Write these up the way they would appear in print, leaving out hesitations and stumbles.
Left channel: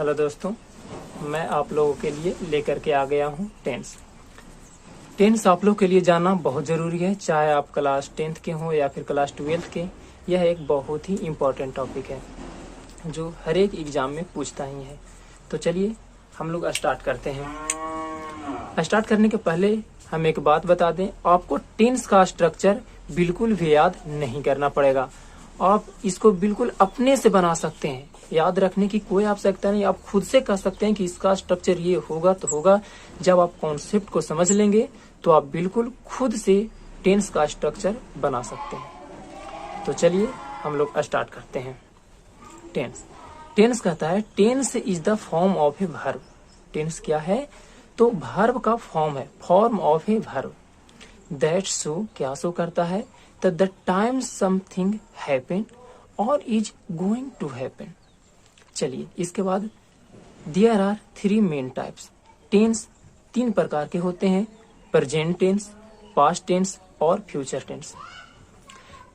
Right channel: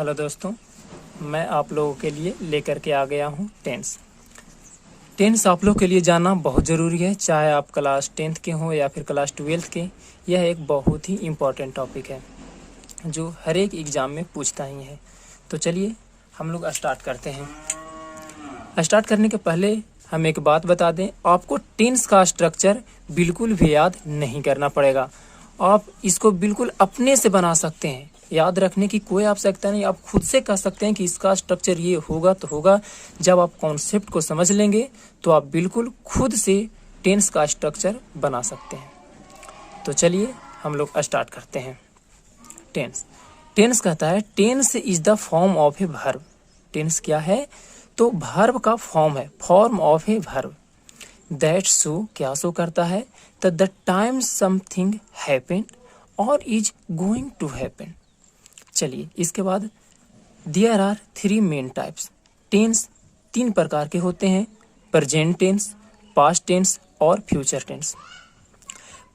Hello दोस्तों, मैं आप लोगों के लिए लेकर के आ गया हूँ टेंस। टेंस आप लोग के लिए जानना बहुत ज़रूरी है, चाहे आप क्लास 10th के हों या फिर क्लास 12th के। यह एक बहुत ही इम्पोर्टेंट टॉपिक है जो हर एक एग्ज़ाम में पूछता ही है। तो चलिए हम लोग स्टार्ट करते हैं। स्टार्ट करने के पहले हम एक बात बता दें, आपको टेंस का स्ट्रक्चर बिल्कुल भी याद नहीं करना पड़ेगा। आप इसको बिल्कुल अपने से बना सकते हैं, याद रखने की कोई आवश्यकता नहीं। आप खुद से कह सकते हैं कि इसका स्ट्रक्चर ये होगा तो होगा। जब आप कॉन्सेप्ट को समझ लेंगे तो आप बिल्कुल खुद से टेंस का स्ट्रक्चर बना सकते हैं। तो चलिए हम लोग स्टार्ट करते हैं। टेंस कहता है tense is the form of a verb. Tense क्या है? तो वर्ब का फॉर्म है, form of a verb that show, क्या शो करता है? द टाइम समथिंग हैपेंड और इज गोइंग टू हैपन। चलिए इसके बाद there are 3 main types. Tense 3 प्रकार के होते हैं, प्रेजेंट टेंस, पास्ट टेंस और फ्यूचर टेंस।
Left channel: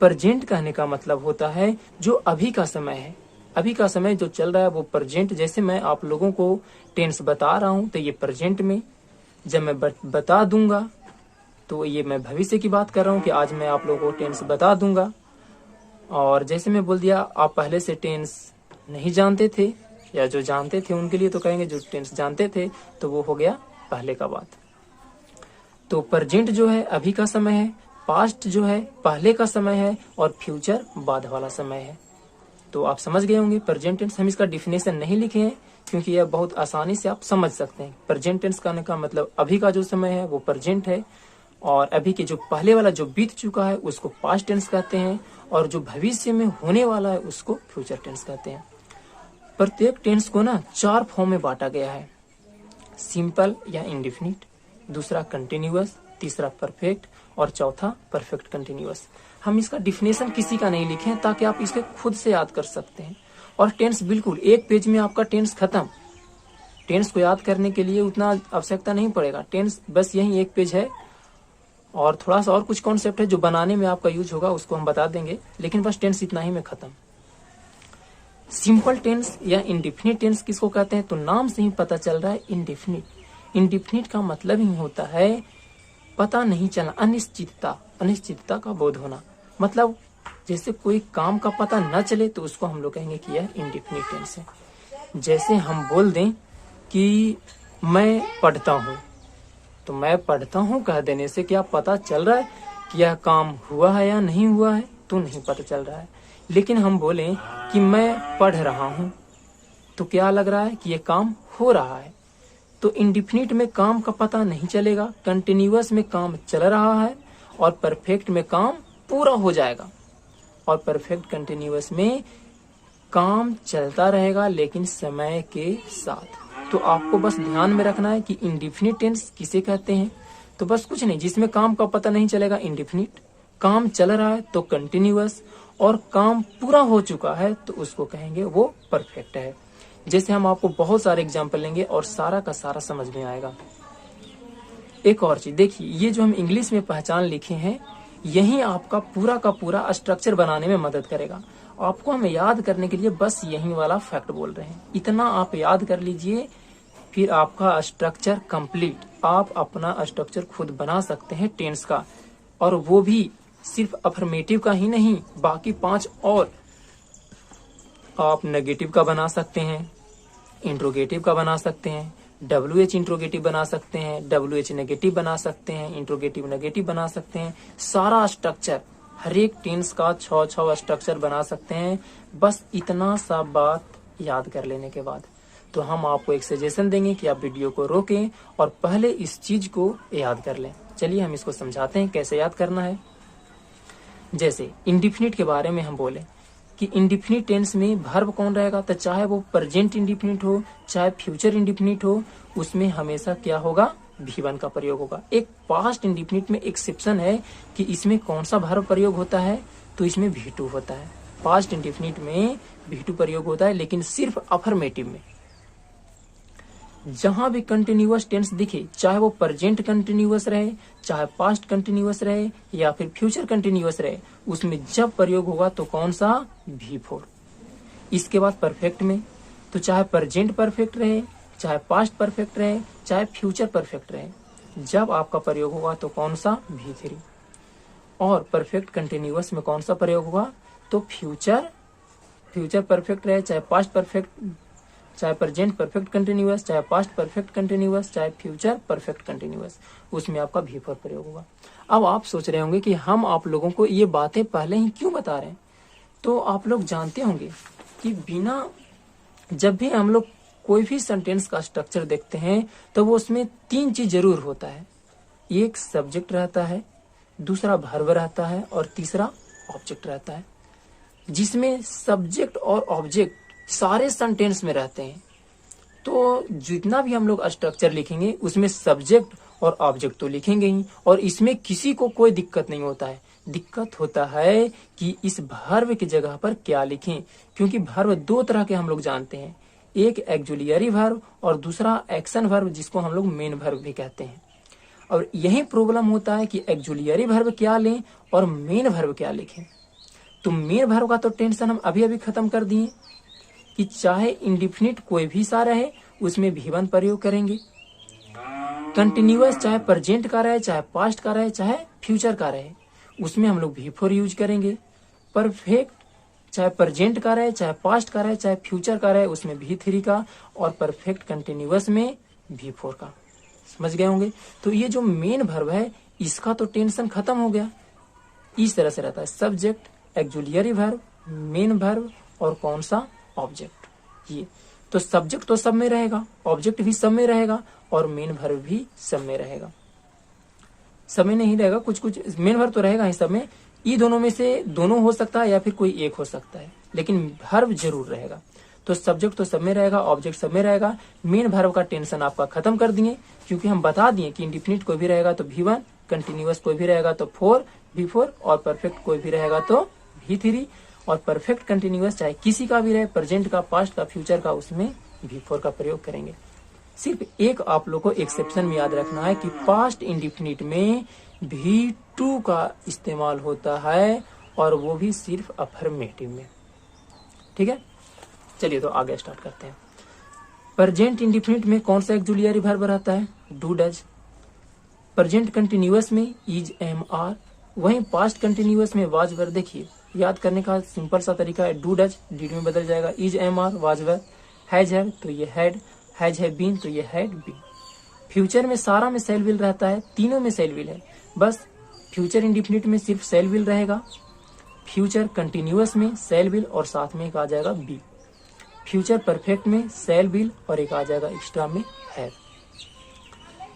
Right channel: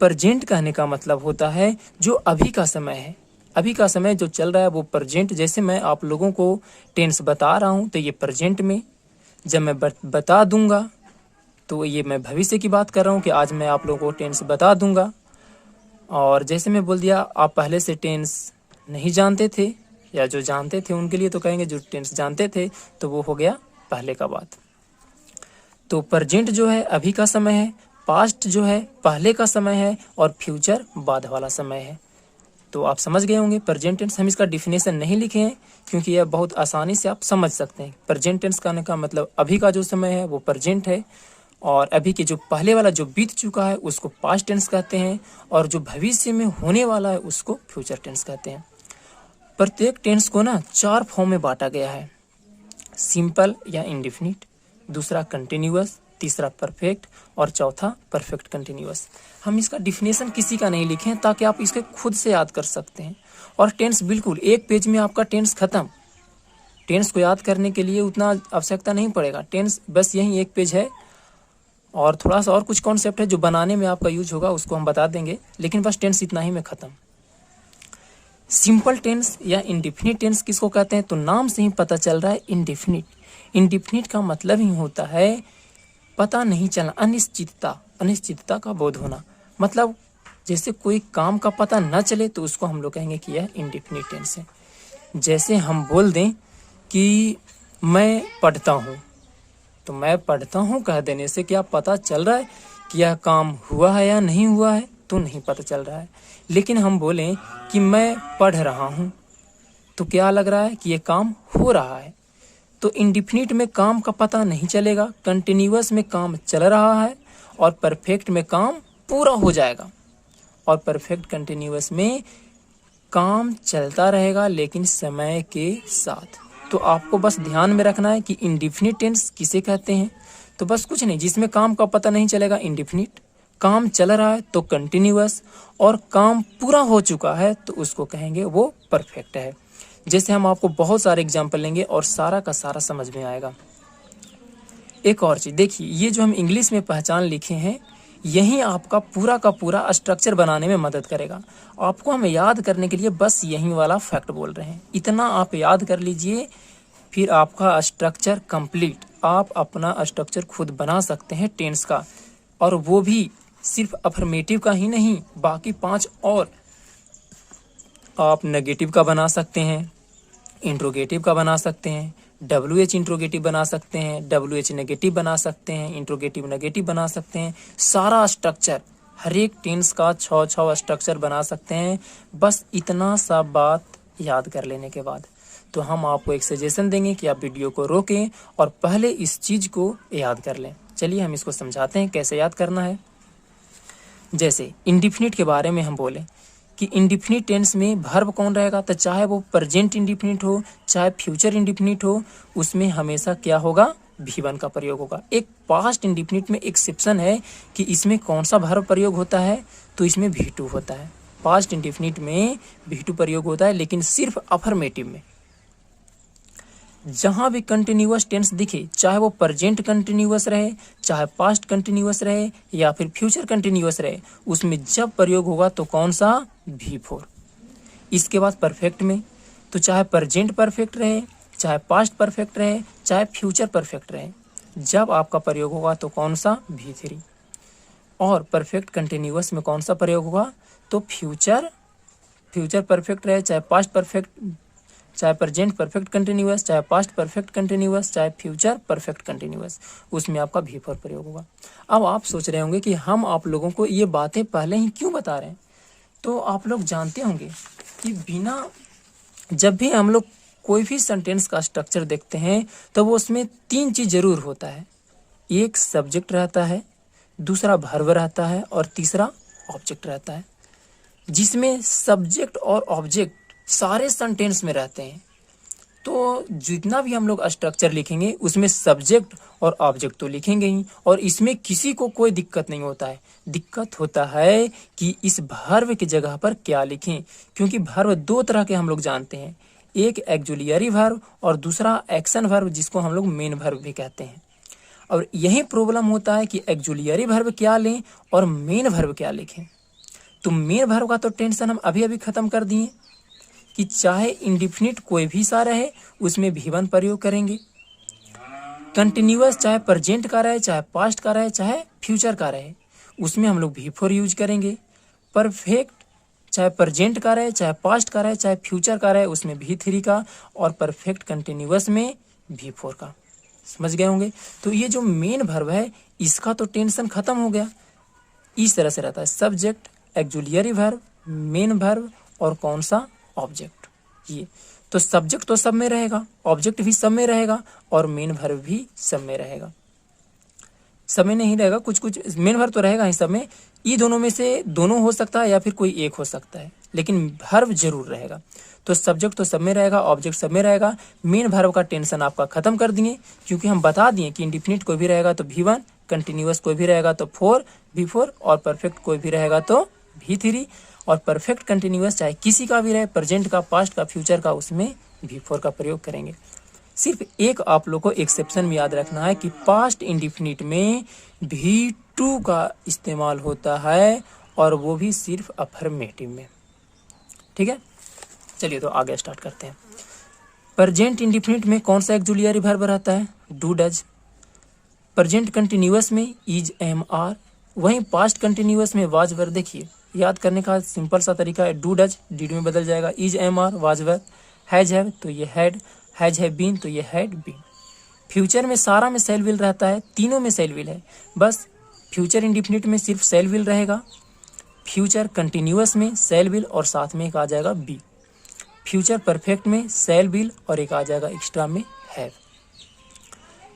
प्रेजेंट कहने का मतलब होता है जो अभी का समय है, अभी का समय जो चल रहा है वो प्रेजेंट। जैसे मैं आप लोगों को टेंस बता रहा हूँ तो ये प्रेजेंट में, जब मैं बता दूंगा तो ये मैं भविष्य की बात कर रहा हूँ कि आज मैं आप लोगों को टेंस बता दूंगा। और जैसे मैं बोल दिया आप पहले से टेंस नहीं जानते थे, या जो जानते थे उनके लिए तो कहेंगे जो टेंस जानते थे, तो वो हो गया पहले का बात। तो प्रेजेंट जो है अभी का समय है, पास्ट जो है पहले का समय है और फ्यूचर बाद वाला समय है। तो आप समझ गए होंगे प्रेजेंट टेंस। हम इसका डिफिनेशन नहीं लिखे हैं क्योंकि यह बहुत आसानी से आप समझ सकते हैं। प्रेजेंट टेंस कहने का मतलब अभी का जो समय है वो प्रेजेंट है, और अभी के जो पहले वाला जो बीत चुका है उसको पास्ट टेंस कहते हैं, और जो भविष्य में होने वाला है उसको फ्यूचर टेंस कहते हैं। प्रत्येक टेंस को ना 4 फॉर्म में बांटा गया है, सिंपल या इंडेफिनिट, दूसरा कंटिन्यूअस, तीसरा परफेक्ट और चौथा परफेक्ट कंटिन्यूअस। हम इसका डिफिनेशन किसी का नहीं लिखे हैं ताकि आप इसके खुद से याद कर सकते हैं। और टेंस बिल्कुल एक पेज में आपका टेंस खत्म। टेंस को याद करने के लिए उतना आवश्यकता नहीं पड़ेगा, टेंस बस यही एक पेज है, और थोड़ा सा और कुछ कॉन्सेप्ट है जो बनाने में आपका यूज होगा, उसको हम बता देंगे, लेकिन बस टेंस इतना ही में खत्म। सिंपल टेंस या इंडेफिनिट टेंस किसको कहते हैं? तो नाम से ही पता चल रहा है इंडेफिनिट। इंडेफिनिट का मतलब ही होता है पता नहीं चलना, अनिश्चितता, अनिश्चितता का बोध होना। मतलब जैसे कोई काम का पता न चले तो उसको हम लोग कहेंगे कि यह इंडेफिनिट टेंस है। जैसे हम बोल दें कि मैं पढ़ता हूँ, तो मैं पढ़ता हूँ कह देने से क्या पता चल रहा है कि यह काम हुआ है या नहीं हुआ है? तो नहीं पता चल रहा है। लेकिन हम बोलें कि मैं पढ़ रहा हूँ, तो क्या लग रहा है कि यह काम हो रहा है। तो इंडेफिनिट में काम का पता नहीं चलेगा, कंटिन्यूअस में काम चल रहा है, और परफेक्ट में काम पूरा हो जाएगा, और परफेक्ट कंटिन्यूअस में काम चलता रहेगा लेकिन समय के साथ। तो आपको बस ध्यान में रखना है कि इंडेफिनिट टेंस किसे कहते हैं। तो बस कुछ नहीं, जिसमें काम का पता नहीं चलेगा इंडेफिनिट, काम चल रहा है तो कंटिन्यूअस, और काम पूरा हो चुका है तो उसको कहेंगे वो परफेक्ट है। जैसे हम आपको बहुत सारे एग्जाम्पल लेंगे और सारा का सारा समझ में आएगा। एक और चीज देखिए, ये जो हम इंग्लिश में पहचान लिखे हैं यही आपका पूरा का पूरा स्ट्रक्चर बनाने में मदद करेगा। आपको हमें याद करने के लिए बस यही वाला फैक्ट बोल रहे हैं, इतना आप याद कर लीजिए, फिर आपका स्ट्रक्चर कंप्लीट। आप अपना स्ट्रक्चर खुद बना सकते हैं टेंस का, और वो भी सिर्फ अफर्मेटिव का ही नहीं, बाकी 5 और आप नेगेटिव का बना सकते हैं, इंट्रोगेटिव का बना सकते हैं, WH इंट्रोगेटिव बना सकते हैं, WH नेगेटिव बना सकते हैं, इंट्रोगेटिव नेगेटिव बना सकते हैं। सारा स्ट्रक्चर हर एक टेंस का 6 स्ट्रक्चर बना सकते हैं, बस इतना सा बात याद कर लेने के बाद। तो हम आपको एक सजेशन देंगे कि आप वीडियो को रोकें और पहले इस चीज को याद कर लें। चलिए हम इसको समझाते हैं कैसे याद करना है। जैसे इंडेफिनिट के बारे में हम बोले कि इंडेफिनिट टेंस में वर्ब कौन रहेगा, तो चाहे वो प्रेजेंट इंडेफिनिट हो चाहे फ्यूचर इंडेफिनिट हो, उसमें हमेशा क्या होगा? V1 का प्रयोग होगा। एक पास्ट इंडेफिनिट में एक्सेप्शन है कि इसमें कौन सा वर्ब प्रयोग होता है, तो इसमें V2 होता है। पास्ट इंडेफिनिट में V2 प्रयोग होता है, लेकिन सिर्फ अफर्मेटिव में। जहां भी कंटिन्यूअस टेंस दिखे, चाहे वो प्रेजेंट कंटिन्यूअस रहे, चाहे पास्ट कंटिन्यूअस रहे या फिर फ्यूचर कंटिन्यूअस रहे, उसमें जब प्रयोग होगा तो कौन सा? V4। इसके बाद परफेक्ट में, तो चाहे प्रेजेंट परफेक्ट रहे, चाहे पास्ट परफेक्ट रहे, चाहे फ्यूचर परफेक्ट रहे, जब आपका प्रयोग होगा तो कौन सा, V3। और परफेक्ट कंटिन्यूअस में कौन सा प्रयोग होगा, तो फ्यूचर परफेक्ट रहे, चाहे पास्ट परफेक्ट, चाहे प्रेजेंट परफेक्ट कंटिन्यूअस, चाहे पास्ट परफेक्ट कंटिन्यूअस, चाहे फ्यूचर परफेक्ट कंटिन्यूअस, उसमें आपका V4 प्रयोग होगा। अब आप सोच रहे होंगे कि हम आप लोगों को ये बातें पहले ही क्यों बता रहे हैं। तो आप लोग जानते होंगे कि जब भी हम लोग कोई भी सेंटेंस का स्ट्रक्चर देखते हैं तो वो उसमें 3 चीज जरूर होता है। एक सब्जेक्ट रहता है, दूसरा वर्ब रहता है और तीसरा ऑब्जेक्ट रहता है। जिसमें सब्जेक्ट और ऑब्जेक्ट सारे सेंटेंस में रहते हैं, तो जितना भी हम लोग स्ट्रक्चर लिखेंगे उसमें सब्जेक्ट और ऑब्जेक्ट तो लिखेंगे ही, और इसमें किसी को कोई दिक्कत नहीं होता है। दिक्कत होता है कि इस वर्ब की जगह पर क्या लिखें, क्योंकि वर्ब 2 तरह के हम लोग जानते हैं, एक एक्जुलियरी वर्ब और दूसरा एक्शन वर्ब, जिसको हम लोग मेन वर्ब भी कहते हैं। और यही प्रॉब्लम होता है कि एक्जुलियरी वर्ब क्या लें और मेन वर्ब क्या लिखें। तो मेन वर्ब का तो टेंशन हम अभी अभी खत्म कर दिए कि चाहे इंडिफिनिट कोई भी सा रहे उसमें V1 प्रयोग करेंगे। कंटिन्यूअस चाहे प्रेजेंट का रहे, चाहे पास्ट का रहे, चाहे फ्यूचर का रहे, उसमें हम लोग V4 यूज करेंगे। परफेक्ट चाहे प्रेजेंट का रहे, चाहे पास्ट का रहे, चाहे फ्यूचर का रहे, उसमें V3 का, और परफेक्ट कंटिन्यूअस में V4 का। समझ गए होंगे। तो ये जो मेन वर्ब है इसका तो टेंशन खत्म हो गया। इस तरह से रहता है सब्जेक्ट, एक्जुलियरी वर्ब, मेन वर्ब और कौन सा, ऑब्जेक्ट। ये तो सब्जेक्ट तो सब में रहेगा, ऑब्जेक्ट भी सब में रहेगा और मेन वर्ब भी सब में रहेगा। सब में नहीं रहेगा, कुछ कुछ मेन वर्ब तो रहेगा ही सब में। ये दोनों में से दोनों हो सकता है या फिर कोई एक हो सकता है, लेकिन वर्ब जरूर रहेगा। तो सब्जेक्ट तो सब में रहेगा, ऑब्जेक्ट सब में रहेगा। मेन वर्ब का टेंशन आपका खत्म कर दिए, क्योंकि हम बता दिए कि इंडिफिनिट कोई भी रहेगा तो V1, कंटिन्यूअस कोई भी रहेगा तो V4 और परफेक्ट कोई भी रहेगा तो V3। और परफेक्ट कंटिन्यूअस चाहे किसी का भी रहे, प्रेजेंट का, पास्ट का, फ्यूचर का, उसमें V4 का प्रयोग करेंगे। सिर्फ एक आप लोग को एक्सेप्शन में याद रखना है कि पास्ट इंडिफिनिट में V2 का इस्तेमाल होता है, और वो भी सिर्फ अफर्मेटिव में। ठीक है, चलिए तो आगे स्टार्ट करते हैं। प्रेजेंट इंडिफिनिट में कौन सा एक्जुलियरी वर्ब रहता है, डू डज। प्रेजेंट कंटिन्यूअस में इज, एम, आर। वहीं पास्ट कंटिन्यूअस में वाज वर। देखिए याद करने का सिंपल सा तरीका है, डू डज डिड में बदल जाएगा, is, am, are, was were. Has have तो ये हैड, हैज हैव बीन तो ये हैड बीन। फ्यूचर में सारा में सेल विल रहता है, तीनों में सेल विल है, बस फ्यूचर इंडिफिनिट में सिर्फ सेल विल रहेगा। फ्यूचर कंटिन्यूअस में सेल विल और साथ में एक आ जाएगा बी। फ्यूचर परफेक्ट में सेल विल और एक आ जाएगा एक्स्ट्रा में हैव।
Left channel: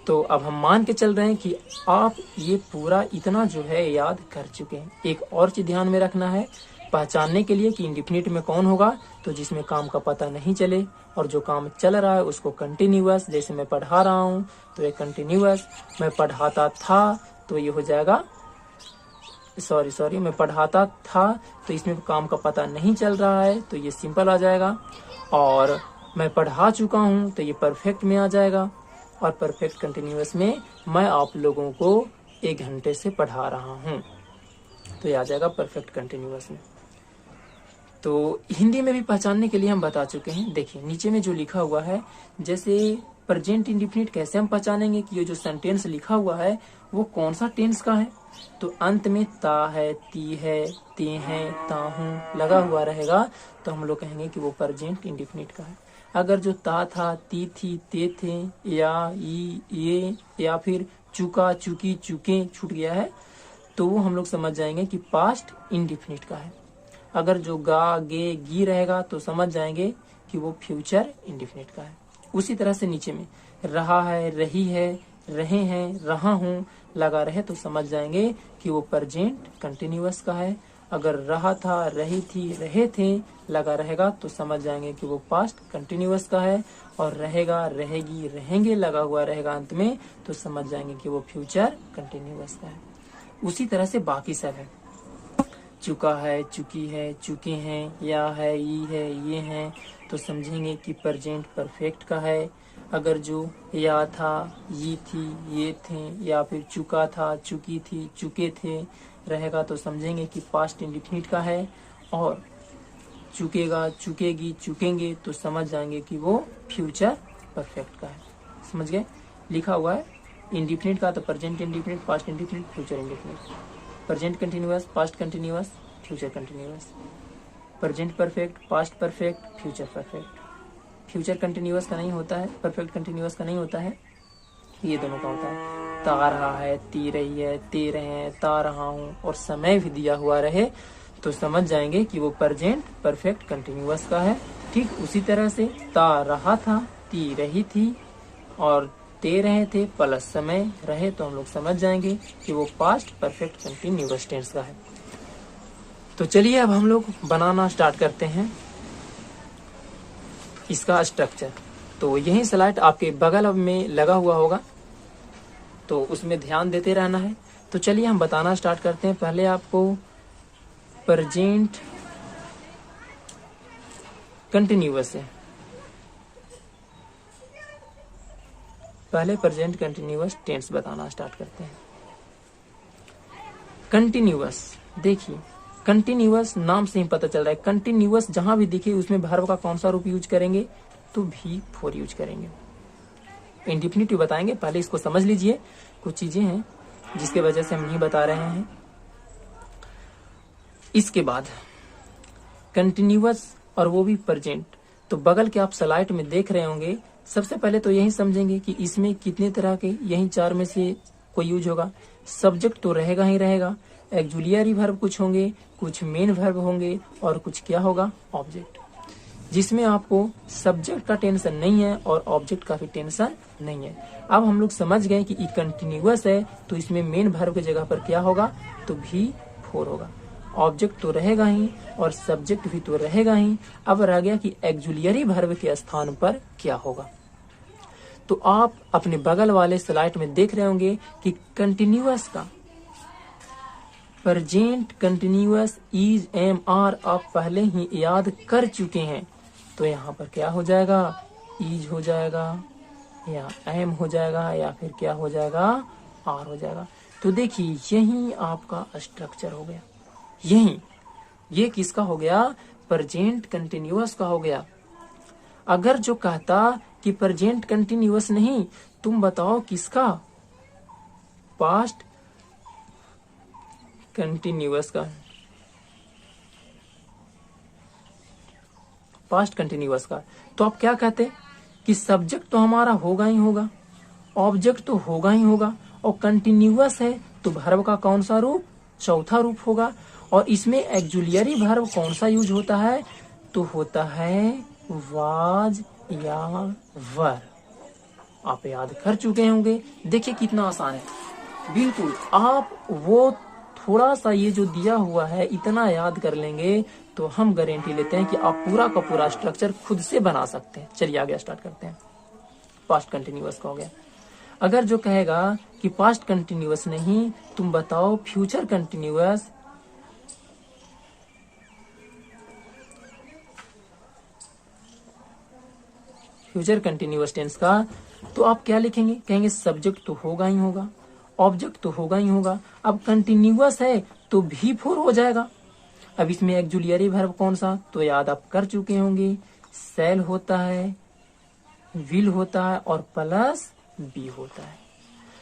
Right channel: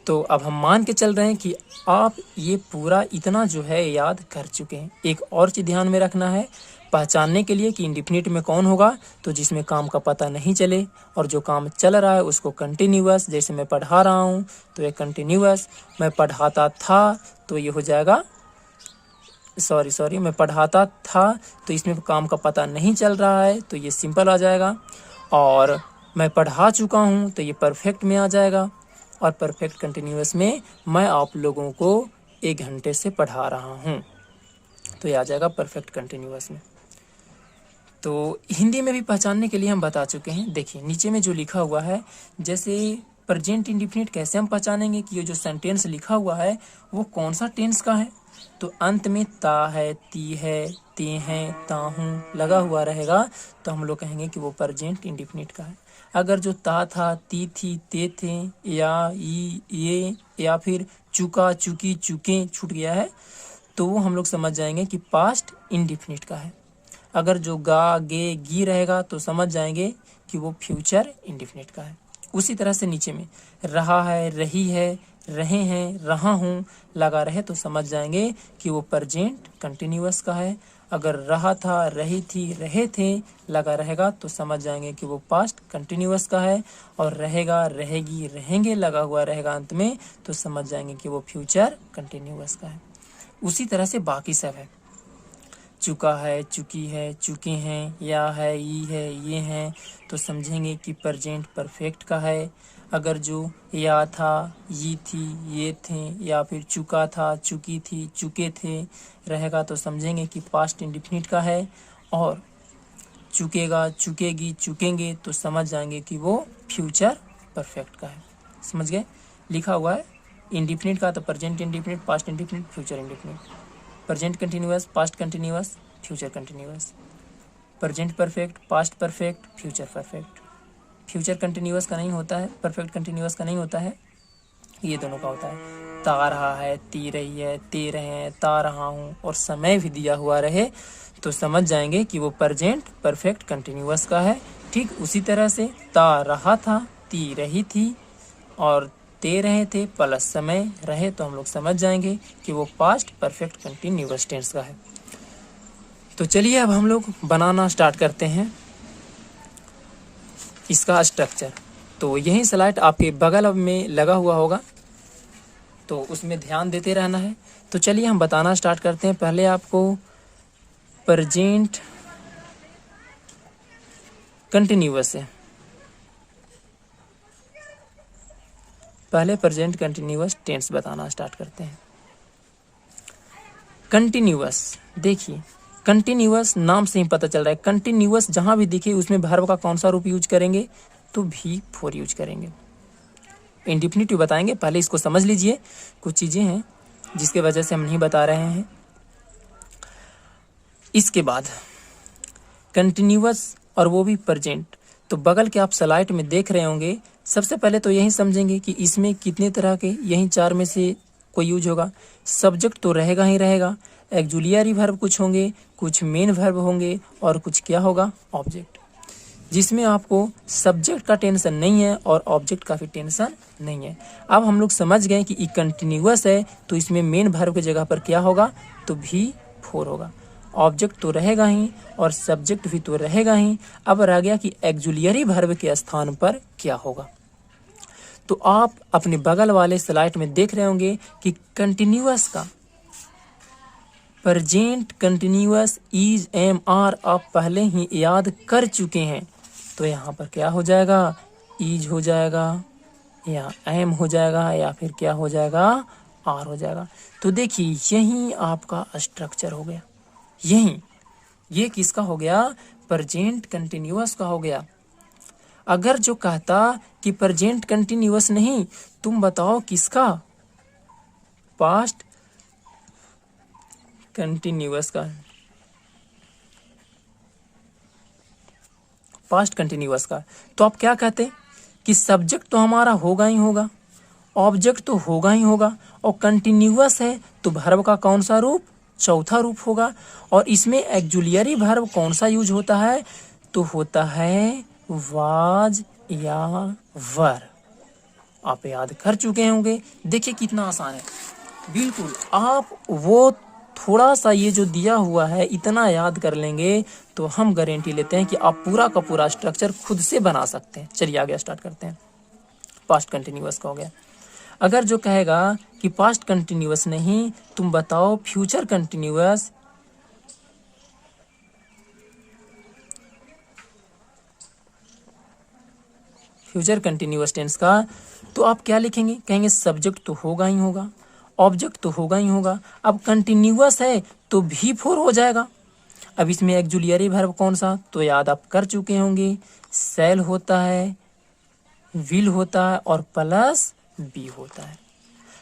तो अब हम मान के चल रहे हैं कि आप ये पूरा इतना जो है याद कर चुके हैं। एक और चीज ध्यान में रखना है पहचानने के लिए कि इंडिफिनिट में कौन होगा, तो जिसमें काम का पता नहीं चले, और जो काम चल रहा है उसको कंटिन्यूअस। जैसे मैं पढ़ा रहा हूँ तो ये कंटिन्यूअस, मैं पढ़ाता था तो ये हो जाएगा मैं पढ़ाता था, तो इसमें काम का पता नहीं चल रहा है तो ये सिंपल आ जाएगा। और मैं पढ़ा चुका हूँ तो ये परफेक्ट में आ जाएगा। और परफेक्ट कंटिन्यूअस में मैं आप लोगों को 1 घंटे से पढ़ा रहा हूँ, तो ये आ जाएगा परफेक्ट कंटिन्यूअस में। तो हिंदी में भी पहचानने के लिए हम बता चुके हैं। देखिए नीचे में जो लिखा हुआ है, जैसे प्रेजेंट इंडिफिनिट कैसे हम पहचानेंगे कि ये जो सेंटेंस लिखा हुआ है वो कौन सा टेंस का है। तो अंत में ता है, ती है, ते हैं, ताहूं लगा हुआ रहेगा तो हम लोग कहेंगे कि वो प्रेजेंट इंडिफिनिट का है। अगर जो ता था, ती थी, ते थे, या ये या फिर चुका, चुकी, चुके छूट गया है तो वो हम लोग समझ जाएंगे कि पास्ट इंडिफिनिट का है। अगर जो गा, गे, गी रहेगा तो समझ जाएंगे कि वो फ्यूचर इंडिफिनिट का है। उसी तरह से नीचे में रहा है, रही है, रहे हैं, रहा हूँ लगा रहे तो समझ जाएंगे कि वो प्रेजेंट कंटिन्यूअस का है। अगर रहा था, रही थी, रहे थे लगा रहेगा तो समझ जाएंगे कि वो पास्ट कंटिन्यूअस का है। और रहेगा, रहेगी, रहेंगे लगा हुआ रहेगा अंत में तो समझ जाएंगे कि वो फ्यूचर कंटिन्यूअस का है। उसी तरह से बाकी सब है, चुका है, चुकी है, चुके हैं, या है, ई है, ये हैं तो समझेंगे कि प्रेजेंट परफेक्ट का है। अगर जो या था, ये थी, ये थे, या फिर चुका था, चुकी थी, चुके थे रहेगा तो समझेंगे कि पास्ट इंडिफिनिट का है। और चुकेगा, चुकेगी, चुकेंगे, तो समझ जाएंगे कि वो फ्यूचर परफेक्ट का है। समझ गए? लिखा हुआ है इंडिफिनिट का तो present indefinite, past indefinite, future indefinite, present continuous, past continuous, future continuous, present perfect, past perfect, future perfect. Future continuous का नहीं होता है, परफेक्ट कंटिन्यूअस का नहीं होता है, ये दोनों का होता है। ता रहा है, ती रही है, ते रहे हैं, ता रहा हूँ, और समय भी दिया हुआ रहे तो समझ जाएंगे कि वो प्रेजेंट परफेक्ट कंटिन्यूअस का है। ठीक उसी तरह से ता रहा था, ती रही थी और ते रहे थे प्लस समय रहे तो हम लोग समझ जाएंगे कि वो पास्ट परफेक्ट कंटिन्यूअस टेंस का है। तो चलिए अब हम लोग बनाना स्टार्ट करते हैं इसका स्ट्रक्चर। तो यही स्लाइड आपके बगल में लगा हुआ होगा, तो उसमें ध्यान देते रहना है। तो चलिए हम बताना स्टार्ट करते हैं। पहले आपको प्रेजेंट कंटिन्यूअस है, पहले प्रेजेंट कंटिन्यूअस टेंस बताना स्टार्ट करते हैं। कंटिन्यूअस, देखिए कंटिन्यूअस नाम से ही पता चल रहा है, कंटिन्यूअस जहां भी दिखे उसमें वर्ब का कौन सा रूप यूज करेंगे, तो V4 यूज करेंगे। इंडिफिनिटिव बताएंगे, पहले इसको समझ लीजिए, कुछ चीजें हैं जिसके वजह से हम नहीं बता रहे हैं। इसके बाद कंटिन्यूअस और वो भी प्रेजेंट, तो बगल के आप स्लाइड में देख रहे होंगे। सबसे पहले तो यही समझेंगे कि इसमें कितने तरह के, यही 4 में से कोई यूज होगा। सब्जेक्ट तो रहेगा ही रहेगा, एक्जुलियरी वर्ब कुछ होंगे, कुछ मेन वर्ब होंगे और कुछ क्या होगा, ऑब्जेक्ट, जिसमें आपको सब्जेक्ट का टेंशन नहीं है और ऑब्जेक्ट का भी टेंशन नहीं है। अब हम लोग समझ गए कि कंटिन्यूअस है तो इसमें मेन वर्ब की जगह पर क्या होगा, तो V4 होगा। ऑब्जेक्ट तो रहेगा ही और सब्जेक्ट भी तो रहेगा ही। अब रह गया कि एक्जुलियरी वर्ब के स्थान पर क्या होगा। तो आप अपने बगल वाले स्लाइड में देख रहे होंगे कि कंटिन्यूअस का present continuous is am are आप पहले ही याद कर चुके हैं, तो यहाँ पर क्या हो जाएगा, इज हो जाएगा या एम हो जाएगा या फिर क्या हो जाएगा, आर हो जाएगा। तो देखिए यही आपका स्ट्रक्चर हो गया। यही ये किसका हो गया, प्रेजेंट कंटिन्यूअस का हो गया। अगर जो कहता कि प्रेजेंट कंटिन्यूअस नहीं, तुम बताओ किसका, पास्ट कंटिन्यूअस का, पास्ट कंटिन्यूअस का, तो आप क्या कहते कि सब्जेक्ट तो हमारा होगा ही होगा, ऑब्जेक्ट तो होगा ही होगा, और कंटिन्यूअस है तो वर्ब का कौन सा रूप, चौथा रूप होगा। और इसमें एक्जुलियरी वर्ब कौन सा यूज होता है, तो होता है वाज या वर। आप याद कर चुके होंगे। देखिए कितना आसान है, बिल्कुल आप वो थोड़ा सा ये जो दिया हुआ है इतना याद कर लेंगे तो हम गारंटी लेते हैं कि आप पूरा का पूरा स्ट्रक्चर खुद से बना सकते हैं। चलिए आगे स्टार्ट करते हैं। पास्ट कंटिन्यूअस का हो गया। अगर जो कहेगा कि पास्ट कंटिन्यूअस नहीं, तुम बताओ future continuous, future continuous tense का, तो आप क्या लिखेंगे, कहेंगे सब्जेक्ट तो होगा ही होगा, ऑब्जेक्ट तो होगा ही होगा। अब कंटिन्यूअस है तो V4 हो जाएगा। अब इसमें एक्जुलियरी वर्ब कौन सा, तो याद आप कर चुके होंगे, सेल होता है, विल होता है और प्लस बी होता है।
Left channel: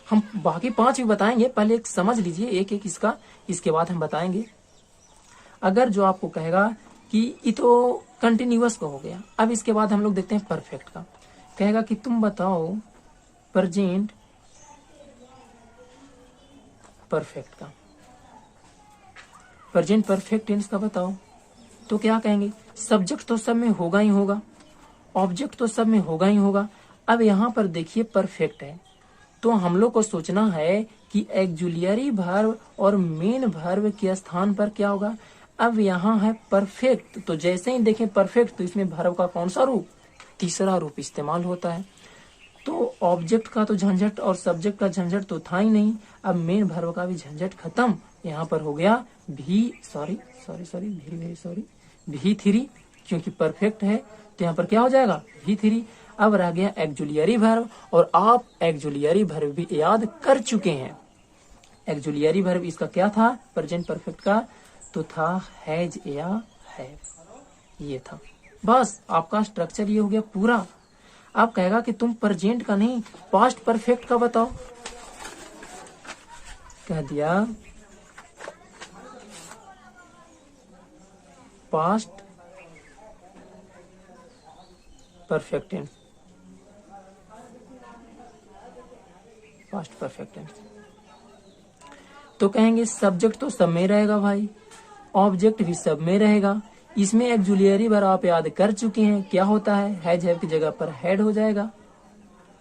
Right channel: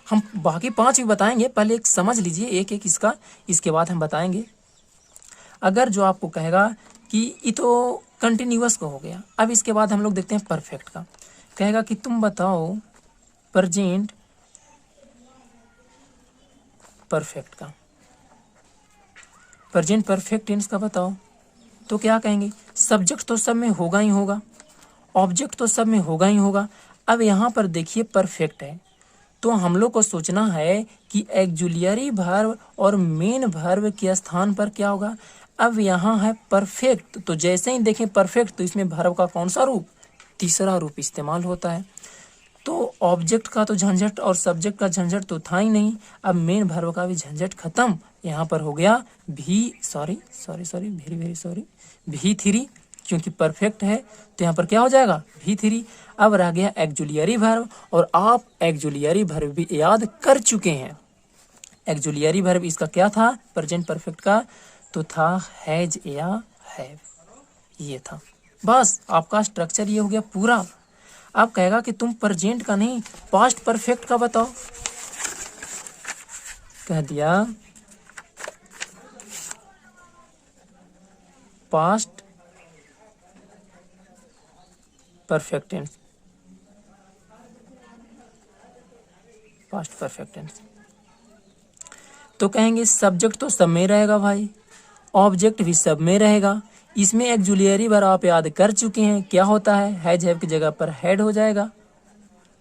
हम बाकी 5 भी बताएंगे, पहले एक समझ लीजिए एक एक इसका, इसके बाद हम बताएंगे। अगर जो आपको कहेगा कि ये तो कंटिन्यूअस को हो गया, अब इसके बाद हम लोग देखते हैं परफेक्ट का। कहेगा कि तुम बताओ प्रेजेंट परफेक्ट का, प्रेजेंट परफेक्ट टेंस का बताओ, तो क्या कहेंगे, सब्जेक्ट तो सब में होगा ही होगा, ऑब्जेक्ट तो सब में होगा ही होगा। अब यहाँ पर देखिए परफेक्ट है तो हम लोग को सोचना है कि एक्जुलियरी वर्ब और मेन वर्ब के स्थान पर क्या होगा। अब यहाँ है परफेक्ट, तो जैसे ही देखें परफेक्ट तो इसमें वर्ब का कौन सा रूप, तीसरा रूप इस्तेमाल होता है। तो ऑब्जेक्ट का तो झंझट और सब्जेक्ट का झंझट तो था ही नहीं, अब मेन वर्ब का भी झंझट खत्म। यहाँ पर हो गया V3, क्योंकि परफेक्ट है तो यहाँ पर क्या हो जाएगा, V3। अब रह गया एक्जुलियरी वर्ब, और आप एक्जुलियरी वर्ब भी याद कर चुके हैं। एक्जुलियरी वर्ब इसका क्या था, प्रेजेंट परफेक्ट का, तो था हैज या हैव। ये था। बस आपका स्ट्रक्चर ये हो गया पूरा। आप कहेगा कि तुम प्रेजेंट का नहीं पास्ट परफेक्ट का बताओ, कह दिया past perfect tense, past perfect tense. तो कहेंगे सब्जेक्ट तो सब में रहेगा भाई, ऑब्जेक्ट भी सब में रहेगा। इसमें एक्जुलियरी वर्ब आप याद कर चुके हैं, क्या होता है, हैज हैव की जगह पर हैड हो जाएगा,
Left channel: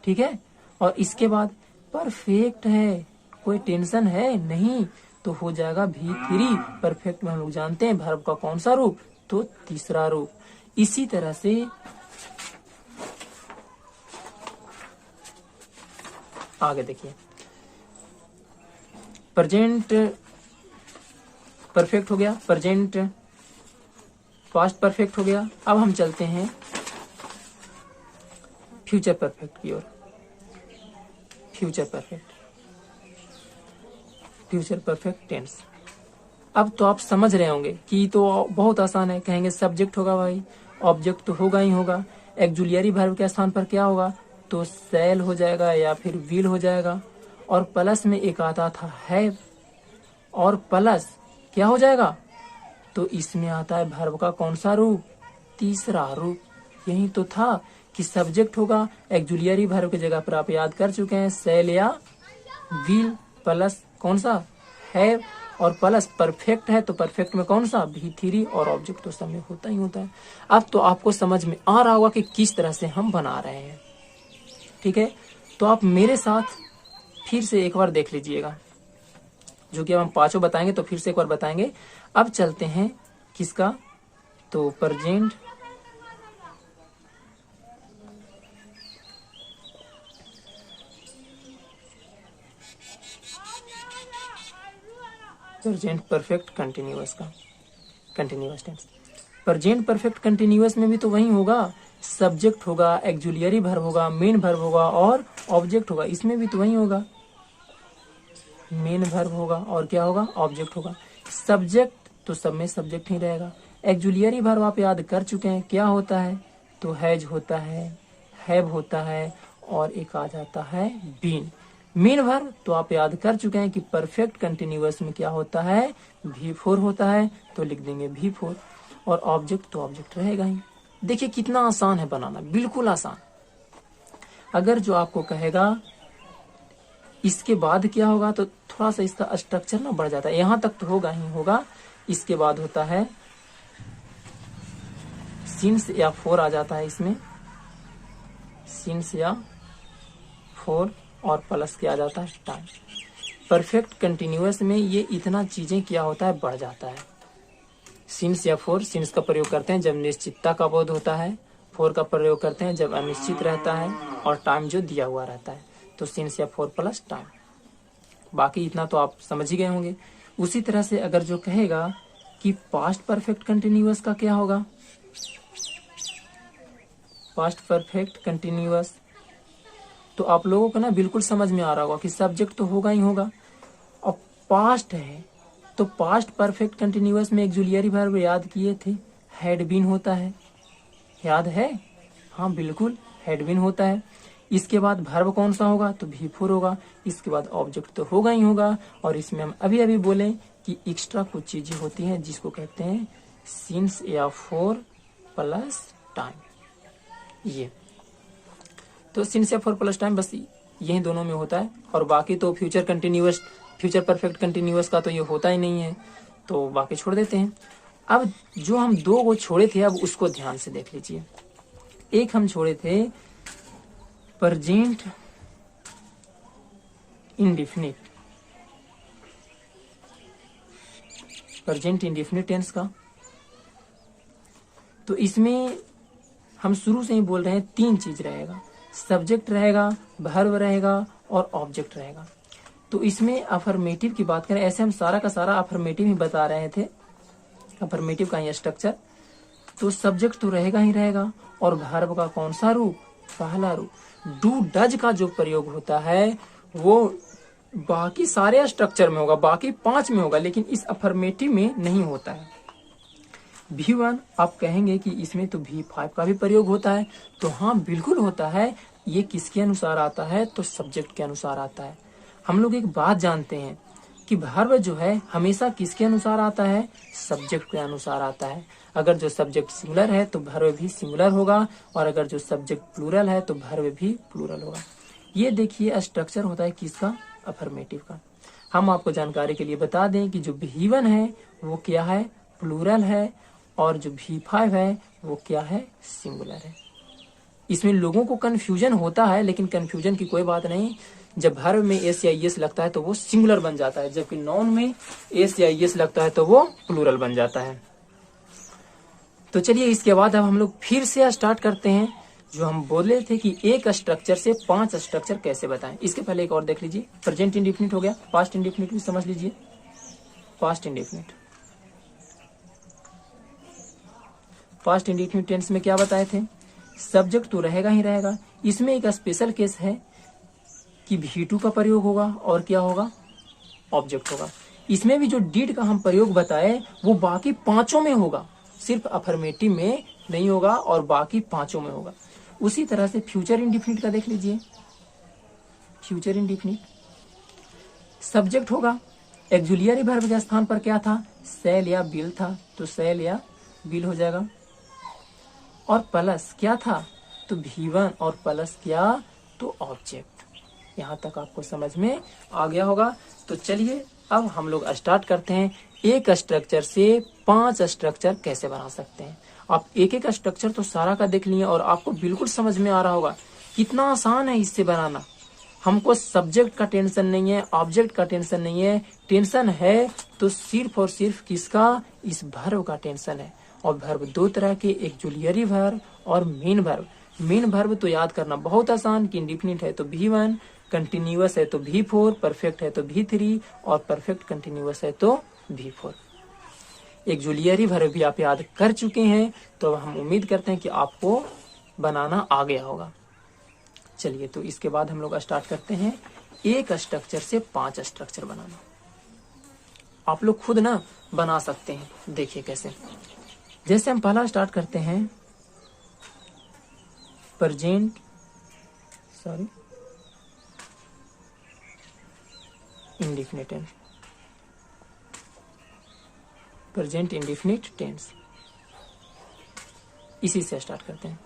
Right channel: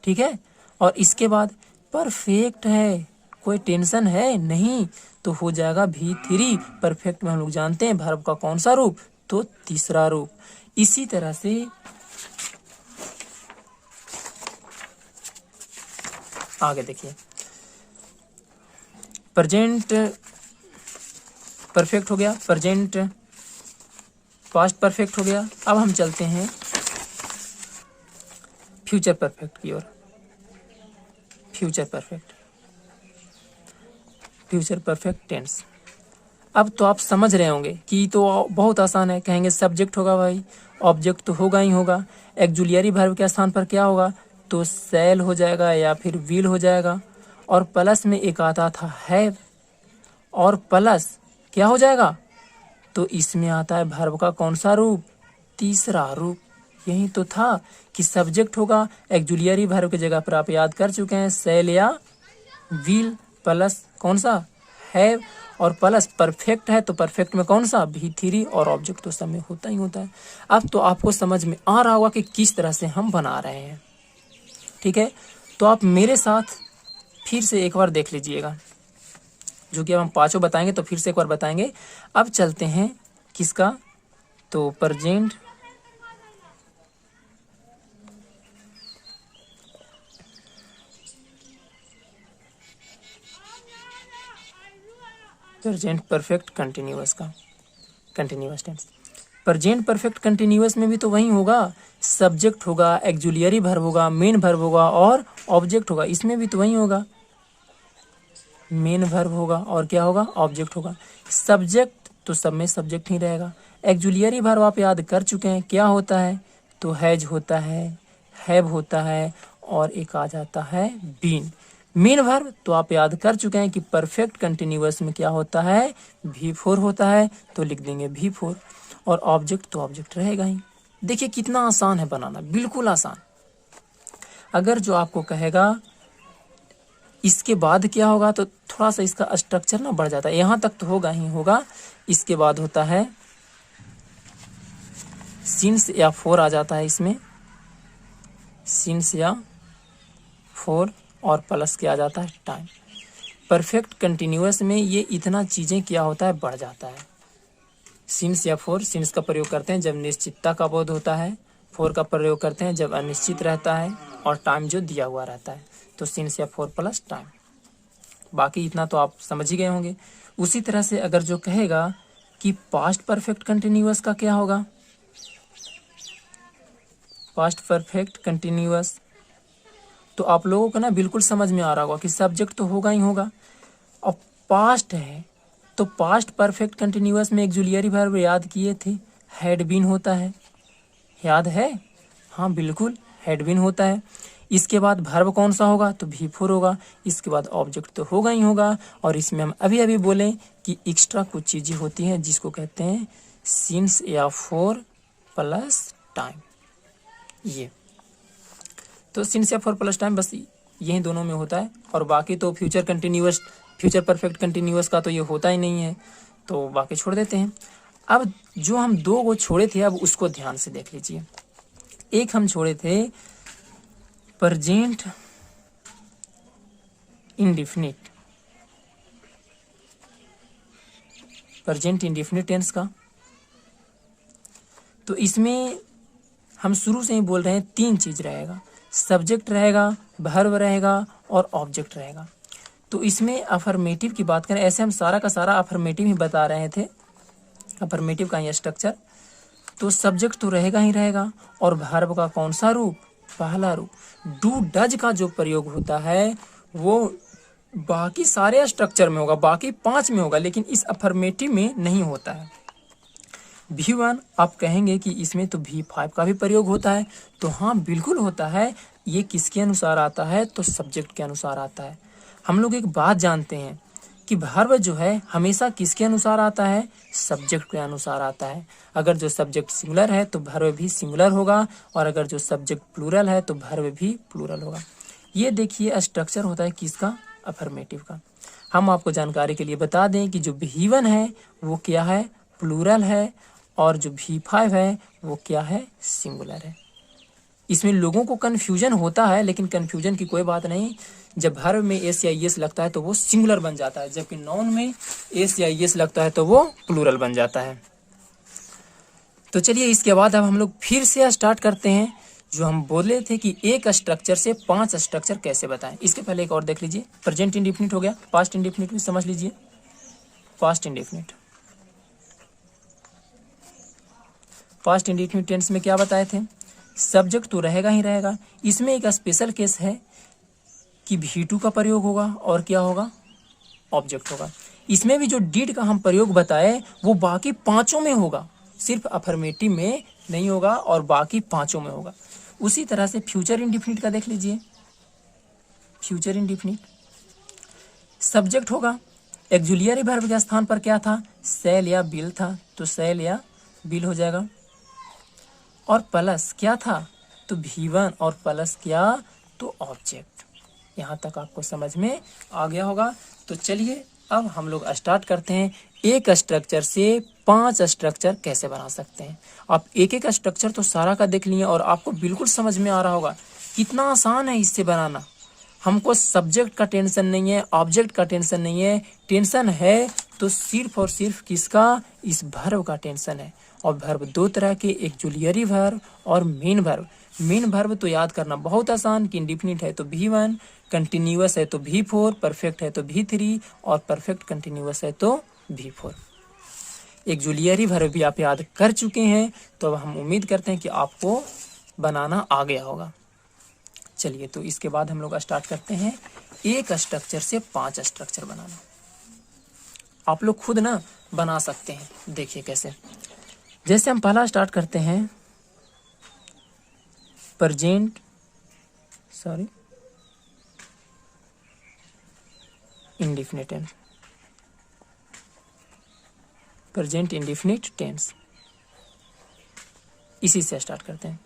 ठीक है। और इसके बाद परफेक्ट है, कोई टेंशन है नहीं, तो हो जाएगा V3। परफेक्ट में हम लोग जानते हैं वर्ब का कौन सा रूप, तो तीसरा रूप। इसी तरह से आगे देखिए, प्रेजेंट परफेक्ट हो गया, प्रेजेंट पास्ट परफेक्ट हो गया। अब हम चलते हैं फ्यूचर परफेक्ट की ओर। Future perfect, future perfect tense. अब तो आप समझ रहे होंगे कि तो बहुत आसान है। कहेंगे सब्जेक्ट होगा भाई, ऑब्जेक्ट तो होगा ही होगा, एक्जुलियरी वर्ब के स्थान पर क्या होगा, तो सेल हो जाएगा या फिर विल हो जाएगा। और प्लस में एक आता था हैव, और प्लस क्या हो जाएगा, तो इसमें आता है वर्ब का कौन सा रूप, तीसरा रूप। यही तो था कि सब्जेक्ट होगा, एक्जुलियरी वर्ब की जगह पर आप याद कर चुके हैं सेल या विल, प्लस कौन सा हैव, और प्लस परफेक्ट है तो परफेक्ट में कौन सा V3, और ऑब्जेक्ट तो सब में होता ही होता है। अब तो आपको समझ में आ रहा होगा कि किस तरह से हम बना रहे हैं, ठीक है। तो आप मेरे साथ फिर से एक बार देख लीजिएगा, जो कि अब हम पांचों बताएंगे तो फिर से एक बार बताएंगे। अब चलते हैं किसका, तो प्रेजेंट प्रेजेंट परफेक्ट कंटिन्यूअस का, continuous tense. Present perfect continuous में भी तो वही होगा, सब्जेक्ट होगा, एक्जुलियरी वर्ब होगा, मेन वर्ब होगा और ऑब्जेक्ट होगा। इसमें भी तो वही होगा, मेन वर्ब होगा और क्या होगा, ऑब्जेक्ट होगा। सब्जेक्ट तो सब में सब्जेक्ट ही रहेगा। एक्जुलियरी वर्ब आप याद कर चुके हैं, क्या होता है, तो हैज होता है, हैव होता है, और एक आ जाता है बीन। मेन वर्ब तो आप याद कर चुके हैं कि परफेक्ट कंटिन्यूअस में क्या होता है, V4 होता है, तो लिख देंगे V4। और ऑब्जेक्ट तो ऑब्जेक्ट रहेगा ही। देखिए कितना आसान है बनाना, बिल्कुल आसान। अगर जो आपको कहेगा इसके बाद क्या होगा, तो थोड़ा सा इसका स्ट्रक्चर ना बढ़ जाता है, यहां तक तो होगा ही होगा। इसके बाद होता है सिंस या फोर आ जाता है इसमें, सिंस या फोर, और प्लस क्या आ जाता है, टाइम। परफेक्ट कंटिन्यूअस में ये इतना चीजें क्या होता है, बढ़ जाता है। सिंस या फोर, सिंस का प्रयोग करते हैं जब निश्चितता का बोध होता है, फोर का प्रयोग करते हैं जब अनिश्चित रहता है, और टाइम जो दिया हुआ रहता है, तो सिंस या फोर प्लस टाइम। बाकी इतना तो आप समझ ही गए होंगे। उसी तरह से अगर जो कहेगा कि पास्ट परफेक्ट कंटिन्यूअस का क्या होगा, पास्ट परफेक्ट कंटिन्यूअस, तो आप लोगों को ना बिल्कुल समझ में आ रहा होगा कि सब्जेक्ट तो होगा ही होगा, और पास्ट है तो पास्ट परफेक्ट कंटिन्यूअस में एक्जुलियरी वर्ब याद किए थे, हैड बीन होता है, याद है, हाँ बिल्कुल हैड बीन होता है। इसके बाद वर्ब कौन सा होगा, तो V4 होगा। इसके बाद ऑब्जेक्ट तो होगा ही होगा, और इसमें हम अभी अभी बोले कि एक्स्ट्रा कुछ चीजें होती हैं जिसको कहते हैं सिंस या फोर प्लस टाइम। ये तो सिंस या फोर प्लस टाइम बस यही दोनों में होता है, और बाकी तो future continuous, future perfect continuous का तो ये होता ही नहीं है, तो बाकी छोड़ देते हैं। अब जो हम दो को छोड़े थे, अब उसको ध्यान से देख लीजिए। एक हम छोड़े थे present indefinite, present indefinite tense का। तो इसमें हम शुरू से ही बोल रहे हैं तीन चीज रहेगा, सब्जेक्ट रहेगा, वर्ब रहेगा, और ऑब्जेक्ट रहेगा। तो इसमें अफर्मेटिव की बात करें, ऐसे हम सारा का सारा अफर्मेटिव ही बता रहे थे, अफर्मेटिव का ही स्ट्रक्चर। तो सब्जेक्ट तो रहेगा ही रहेगा, और वर्ब का कौन सा रूप, पहला रूप। डू डज का जो प्रयोग होता है वो बाकी सारे स्ट्रक्चर में होगा, बाकी 5 में होगा, लेकिन इस अफर्मेटिव में नहीं होता है। V1 आप कहेंगे कि इसमें तो V5 का भी प्रयोग होता है, तो हाँ बिल्कुल होता है। ये किसके अनुसार आता है? तो सब्जेक्ट के अनुसार आता है। हम लोग एक बात जानते हैं कि वर्ब जो है हमेशा किसके अनुसार आता है? सब्जेक्ट के अनुसार आता है। अगर जो सब्जेक्ट सिंगुलर है तो वर्ब भी सिंगुलर होगा, और अगर जो सब्जेक्ट प्लूरल है तो वर्ब भी प्लूरल होगा। ये देखिए स्ट्रक्चर होता है किसका? अफर्मेटिव का। हम आपको जानकारी के लिए बता दें कि जो V1 है वो क्या है? प्लूरल है, और जो V5 है वो क्या है? सिंगुलर है। इसमें लोगों को कन्फ्यूजन होता है, लेकिन कन्फ्यूजन की कोई बात नहीं। जब वर्ब में एस या एस लगता है तो वो सिंगुलर बन जाता है, जबकि नाउन में एस या एस लगता है तो वो प्लूरल बन जाता है। तो चलिए इसके बाद अब हम लोग फिर से स्टार्ट करते हैं। जो हम बोले थे कि एक स्ट्रक्चर से 5 स्ट्रक्चर कैसे बताएं। इसके पहले एक और देख लीजिए। प्रेजेंट इंडेफिनिट हो गया, पास्ट इंडेफिनिट भी समझ लीजिए। Past indefinite, past indefinite tense में क्या बताए थे? सब्जेक्ट तो रहेगा ही रहेगा। इसमें एक स्पेशल केस है कि V2 का प्रयोग होगा, और क्या होगा? ऑब्जेक्ट होगा। इसमें भी जो डिड का हम प्रयोग बताए वो बाकी 5 में होगा, सिर्फ अफर्मेटिव में नहीं होगा, और बाकी 5 में होगा। उसी तरह से फ्यूचर इंडेफिनिट का देख लीजिए। फ्यूचर इंडेफिनिट सब्जेक्ट होगा, एक्जुलियरी वर्ब के स्थान पर क्या था? सेल या बिल था, तो सेल या बिल हो जाएगा। और प्लस क्या था? तो V1, और प्लस क्या? तो ऑब्जेक्ट। यहाँ तक आपको समझ में आ गया होगा। तो चलिए अब हम लोग स्टार्ट करते हैं। एक स्ट्रक्चर से 5 स्ट्रक्चर कैसे बना सकते हैं। आप एक एक स्ट्रक्चर तो सारा का देख लिए, और आपको बिल्कुल समझ में आ रहा होगा कितना आसान है इससे बनाना। हमको सब्जेक्ट का टेंशन नहीं है, ऑब्जेक्ट का टेंशन नहीं है। टेंशन है तो सिर्फ और सिर्फ किसका? इस वर्ब का टेंशन है। और वर्ब 2 तरह के, एक जूलियरी वर्ब और मेन वर्ब। मेन वर्ब तो याद करना बहुत आसान कि इंडेफिनिट है तो V1, कंटिन्यूअस है तो V4, परफेक्ट है तो V3, और परफेक्ट कंटिन्यूअस है तो V4। एक जूलियरी वर्ब भी आप याद कर चुके हैं, तो हम उम्मीद करते हैं कि आपको बनाना आ गया होगा। चलिए तो इसके बाद हम लोग स्टार्ट करते हैं एक स्ट्रक्चर से 5 स्ट्रक्चर बनाना। आप लोग खुद ना बना सकते हैं। देखिए कैसे। जैसे हम पहला स्टार्ट करते हैं indefinite tense. Present indefinite tense, इसी से स्टार्ट करते हैं।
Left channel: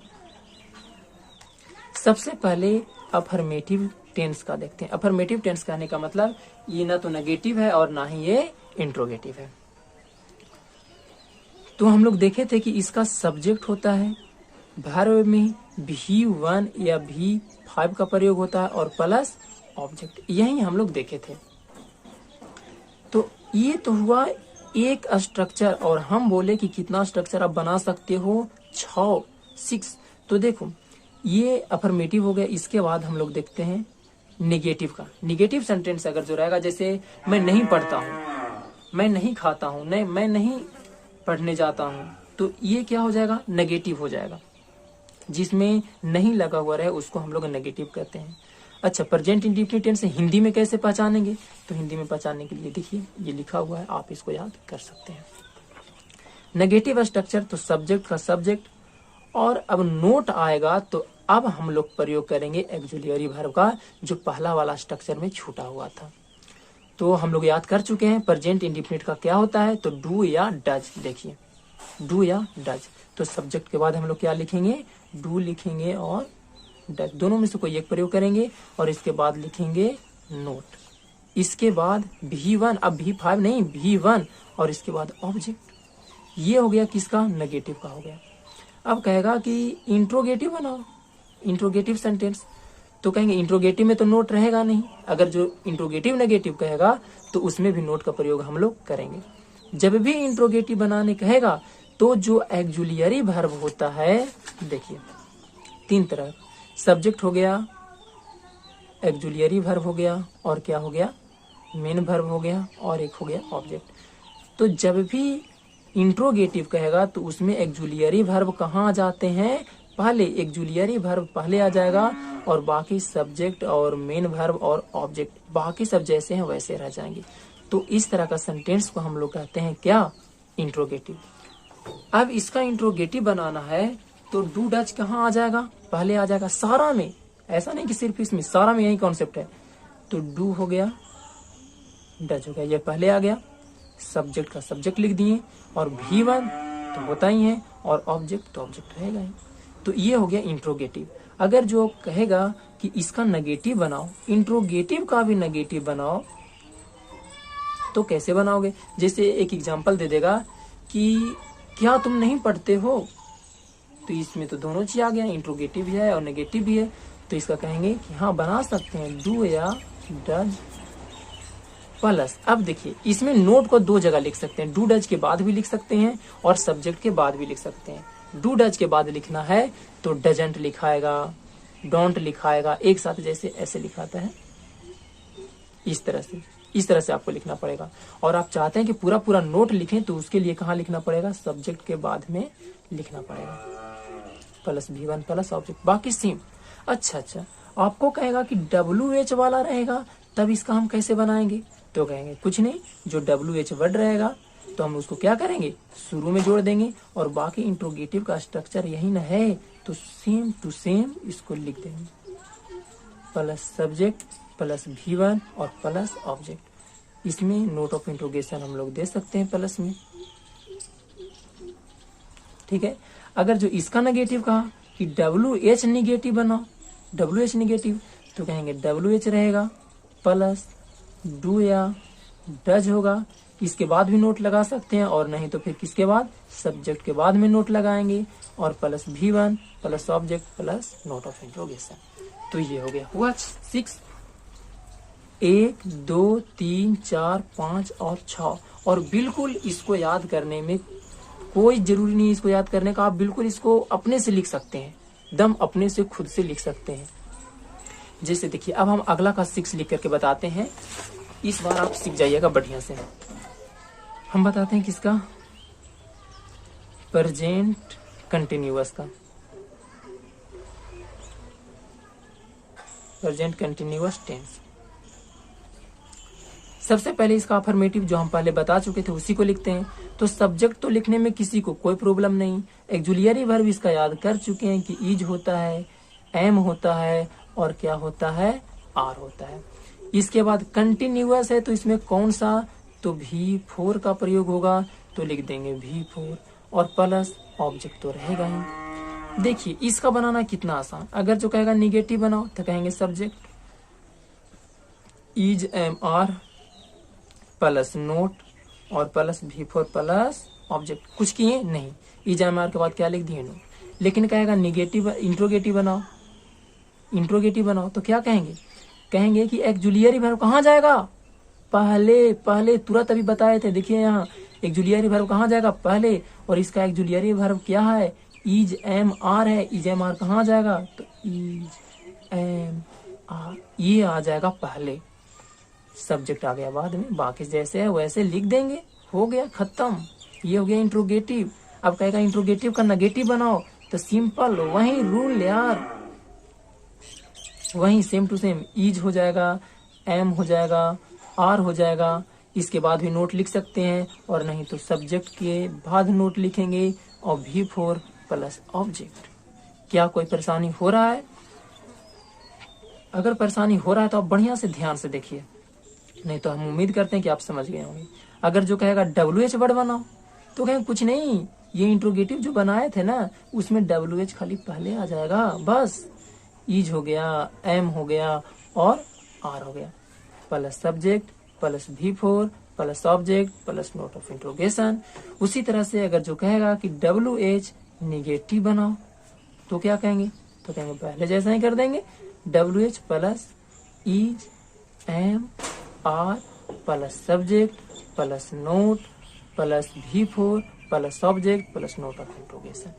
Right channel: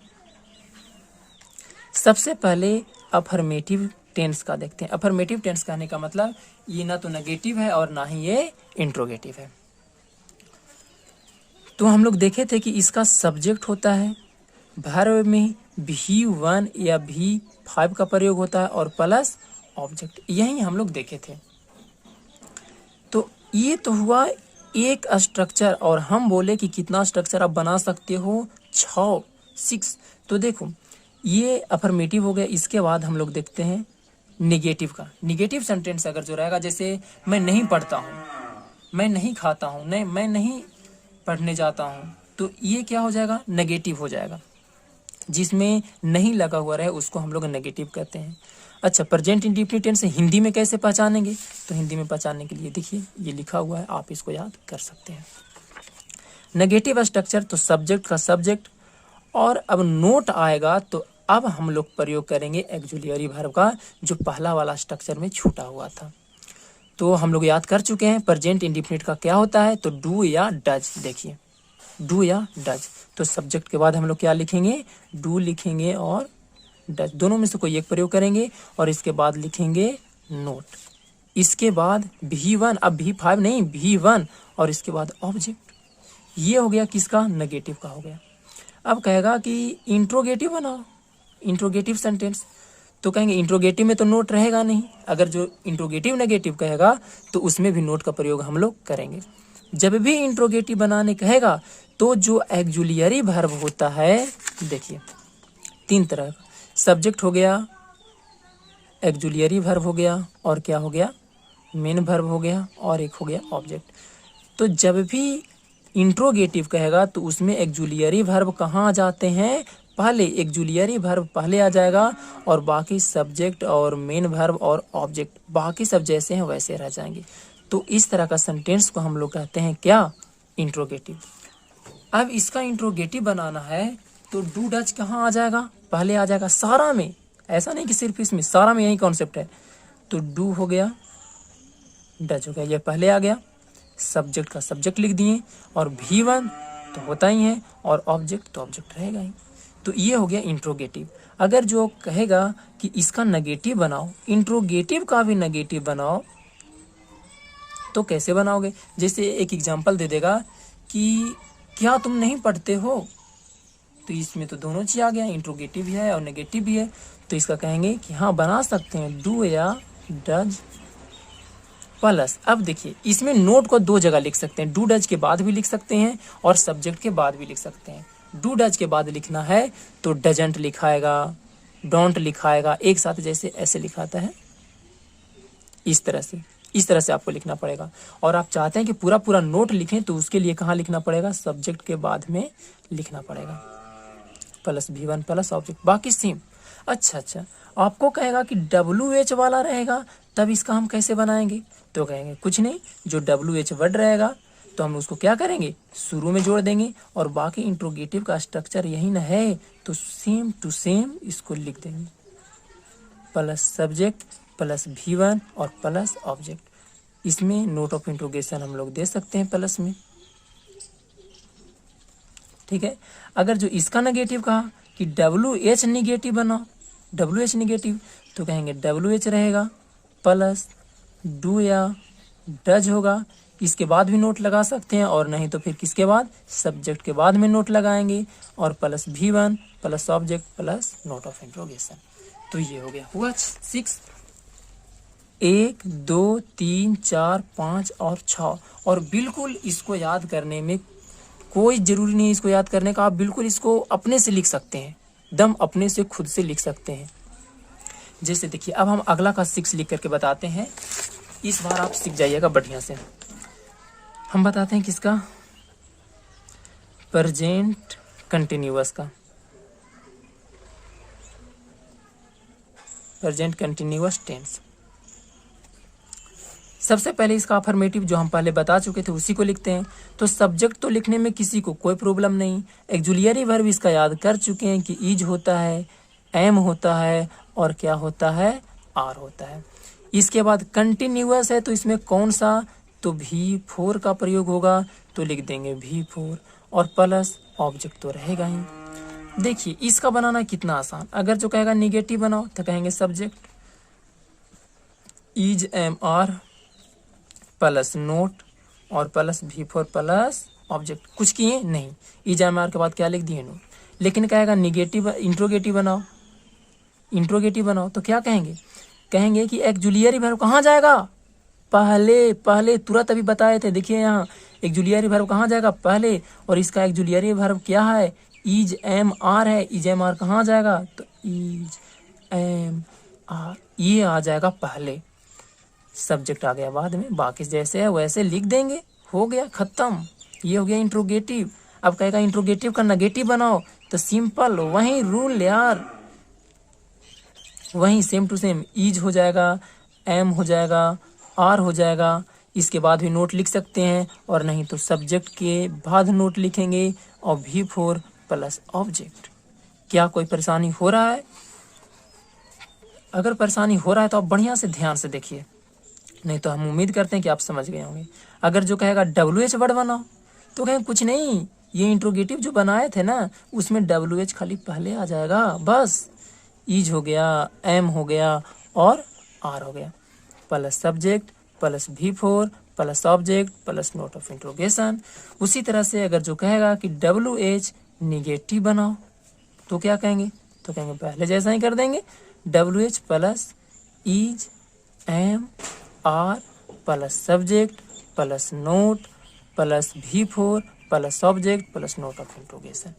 सबसे पहले अफर्मेटिव टेंस का देखते हैं। अफर्मेटिव टेंस कहने का मतलब ये ना तो नेगेटिव है और ना ही ये इंट्रोगेटिव है। तो हम लोग देखे थे कि इसका सब्जेक्ट होता है, वर्ब में V1 या V5 का प्रयोग होता है, और प्लस ऑब्जेक्ट। यही हम लोग देखे थे। तो ये तो हुआ एक स्ट्रक्चर, और हम बोले कि कितना स्ट्रक्चर आप बना सकते हो? 6। तो देखो ये अफर्मेटिव हो गया। इसके बाद हम लोग देखते हैं निगेटिव का। निगेटिव सेंटेंस अगर जो रहेगा, जैसे मैं नहीं पढ़ता हूँ, मैं नहीं खाता हूँ, नहीं मैं नहीं पढ़ने जाता हूँ, तो ये क्या हो जाएगा? नेगेटिव हो जाएगा। जिसमें नहीं लगा हुआ रहे उसको हम लोग नेगेटिव कहते हैं। अच्छा, प्रेजेंट इंडेफिनिट टेंस हिंदी में कैसे पहचानेंगे? तो हिंदी में पहचानने के लिए देखिए ये लिखा हुआ है, आप इसको याद कर सकते हैं। नेगेटिव स्ट्रक्चर तो सब्जेक्ट का सब्जेक्ट, और अब नोट आएगा तो अब हम लोग प्रयोग करेंगे एक्जुलियरी वर्ब का, जो पहला वाला स्ट्रक्चर में छूटा हुआ था। तो हम लोग याद कर चुके हैं प्रेजेंट इंडेफिनिट का क्या होता है, तो डू या डज। देखिए डू या डज, तो सब्जेक्ट के बाद हम लोग क्या लिखेंगे? डू लिखेंगे और डज, दोनों में से कोई एक प्रयोग करेंगे, और इसके बाद लिखेंगे नोट। इसके बाद V1, अब V5 नहीं, V1, और इसके बाद ऑब्जेक्ट। ये हो गया किसका? नेगेटिव का हो गया। अब कहेगा कि इंट्रोगेटिव बनाओ, इंट्रोगेटिव सेंटेंस। तो कहेंगे इंट्रोगेटिव में तो नोट रहेगा नहीं। अगर जो इंट्रोगेटिव नेगेटिव कहेगा तो उसमें भी नोट का प्रयोग हम लोग करेंगे। जब भी इंट्रोगेटिव बनाने कहेगा तो जो एक्जुलियरी वर्ब होता है, देखिए 3 तरह, सब्जेक्ट हो गया, एक्जुलियरी वर्ब हो गया, और क्या हो गया? मेन वर्ब हो गया, और एक हो गया ऑब्जेक्ट। तो जब भी इंट्रोगेटिव कहेगा तो उसमें एक्जुलियरी वर्ब कहाँ आ जाते हैं? पहले एक्जुलियरी वर्ब पहले आ जाएगा, और बाकी सब्जेक्ट और मेन वर्ब और ऑब्जेक्ट बाकी सब जैसे हैं वैसे रह जाएंगे। तो इस तरह का सेंटेंस को हम लोग कहते हैं क्या? इंट्रोगेटिव। अब इसका इंट्रोगेटिव बनाना है तो डू डज कहाँ आ जाएगा, पहले आ जाएगा सारा में, ऐसा नहीं कि सिर्फ इसमें, सारा में यही कॉन्सेप्ट है। तो डू हो गया, डज हो गया, ये पहले आ गया, सब्जेक्ट का सब्जेक्ट लिख दिए, और V1 तो होता ही है, और ऑब्जेक्ट तो ऑब्जेक्ट रहेगा ही। तो ये हो गया इंट्रोगेटिव। अगर जो कहेगा कि इसका नेगेटिव बनाओ, इंट्रोगेटिव का भी नेगेटिव बनाओ, तो कैसे बनाओगे? जैसे एक एग्जांपल दे देगा कि क्या तुम नहीं पढ़ते हो, तो इसमें तो दोनों चीज आ गया, इंट्रोगेटिव भी है और नेगेटिव भी है। तो इसका कहेंगे कि हाँ बना सकते हैं, डू या डज प्लस। अब देखिए इसमें नोट को दो जगह लिख सकते हैं, डू डज के बाद भी लिख सकते हैं और सब्जेक्ट के बाद भी लिख सकते हैं। डू डज के बाद लिखना है तो डजंट लिखाएगा, डोंट लिखाएगा, एक साथ जैसे ऐसे लिखाता है, इस तरह से आपको लिखना पड़ेगा। और आप चाहते हैं कि पूरा पूरा नोट लिखें तो उसके लिए कहाँ लिखना पड़ेगा, सब्जेक्ट के बाद में लिखना पड़ेगा, प्लस V1 प्लस ऑब्जेक्ट, बाकी सेम। अच्छा, आपको कहेगा कि WH वाला रहेगा, तब इसका हम कैसे बनाएंगे? तो कहेंगे कुछ नहीं, जो WH वर्ड रहेगा तो हम उसको क्या करेंगे, शुरू में जोड़ देंगे, और बाकी इंट्रोगेटिव का स्ट्रक्चर यही न है, तो सेम टू सेम इसको लिख देंगे, प्लस सब्जेक्ट प्लस V1 और प्लस ऑब्जेक्ट। इसमें नोट ऑफ इंट्रोगेशन हम लोग दे सकते हैं प्लस में, ठीक है। अगर जो इसका नेगेटिव कहा कि WH नेगेटिव बनाओ, WH नेगेटिव, तो कहेंगे WH रहेगा प्लस डू या डज होगा, इसके बाद भी नोट लगा सकते हैं, और नहीं तो फिर किसके बाद, सब्जेक्ट के बाद में नोट लगाएंगे, और plus V1 plus object plus not of interrogation. तो ये हो गया, हुआ 6, 1 2 3 4 5 और 6। और बिल्कुल इसको याद करने में कोई जरूरी नहीं इसको याद करने का, आप बिल्कुल इसको अपने से लिख सकते हैं, दम अपने से खुद से लिख सकते हैं। जैसे देखिए अब हम अगला का 6 लिख करके बताते हैं, इस बार आप सीख जाइएगा बढ़िया से। हम बताते हैं किसका, प्रेजेंट कंटिन्यूअस का, प्रेजेंट कंटिन्यूअस टेंस। सबसे पहले इसका अफर्मेटिव जो हम पहले बता चुके थे उसी को लिखते हैं। तो सब्जेक्ट तो लिखने में किसी को कोई प्रॉब्लम नहीं, एक्जुलियरी वर्ब इसका याद कर चुके हैं कि इज होता है, एम होता है, और क्या होता है, आर होता है। इसके बाद कंटिन्यूअस है तो इसमें कौन सा, तो V4 का प्रयोग होगा, तो लिख देंगे V4, और प्लस ऑब्जेक्ट तो रहेगा ही। देखिए इसका बनाना कितना आसान, अगर जो कहेगा निगेटिव बनाओ तो कहेंगे subject is am are plus not और प्लस V4 प्लस ऑब्जेक्ट। कुछ किए नहीं, इज एम आर के बाद क्या लिख दिए, नोट। लेकिन कहेगा निगेटिव इंट्रोगेटिव बनाओ, इंट्रोगेटिव बनाओ, तो क्या कहेंगे, कहेंगे कि एक्जुलियरी वर्ब कहाँ जाएगा, पहले तुरंत अभी बताए थे, देखिए यहाँ एक्जुलियरी वर्ब कहाँ जाएगा, पहले, और इसका एक्जुलियरी वर्ब क्या है, इज एम आर है, इज एम आर कहाँ जाएगा, तो इज एम आर, ये आ जाएगा पहले, सब्जेक्ट आ गया बाद में, बाकी जैसे है वैसे लिख देंगे, हो गया खत्म। ये हो गया इंट्रोगेटिव। अब कहेगा इंट्रोगेटिव का नेगेटिव बनाओ, तो सिंपल वही रूल यार, वही सेम टू सेम, इज हो जाएगा, एम हो जाएगा, आर हो जाएगा, इसके बाद भी नोट लिख सकते हैं, और नहीं तो सब्जेक्ट के बाद नोट लिखेंगे, और V4 प्लस ऑब्जेक्ट। क्या कोई परेशानी हो रहा है? अगर परेशानी हो रहा है तो आप बढ़िया से ध्यान से देखिए, नहीं तो हम उम्मीद करते हैं कि आप समझ गए होंगे। अगर जो कहेगा WH वर्ड बनाओ, तो कहें कुछ नहीं, ये इंट्रोगेटिव जो बनाए थे ना उसमें WH खाली पहले आ जाएगा, बस इज हो गया, एम हो गया, और आर हो गया, plus subject plus V4 plus object plus not of interrogation. उसी तरह से अगर जो कहेगा कि WH निगेटिव बनाओ, तो क्या कहेंगे, तो कहेंगे पहले जैसा ही कर देंगे, WH plus is am are plus subject plus not plus V4 plus object plus not of interrogation.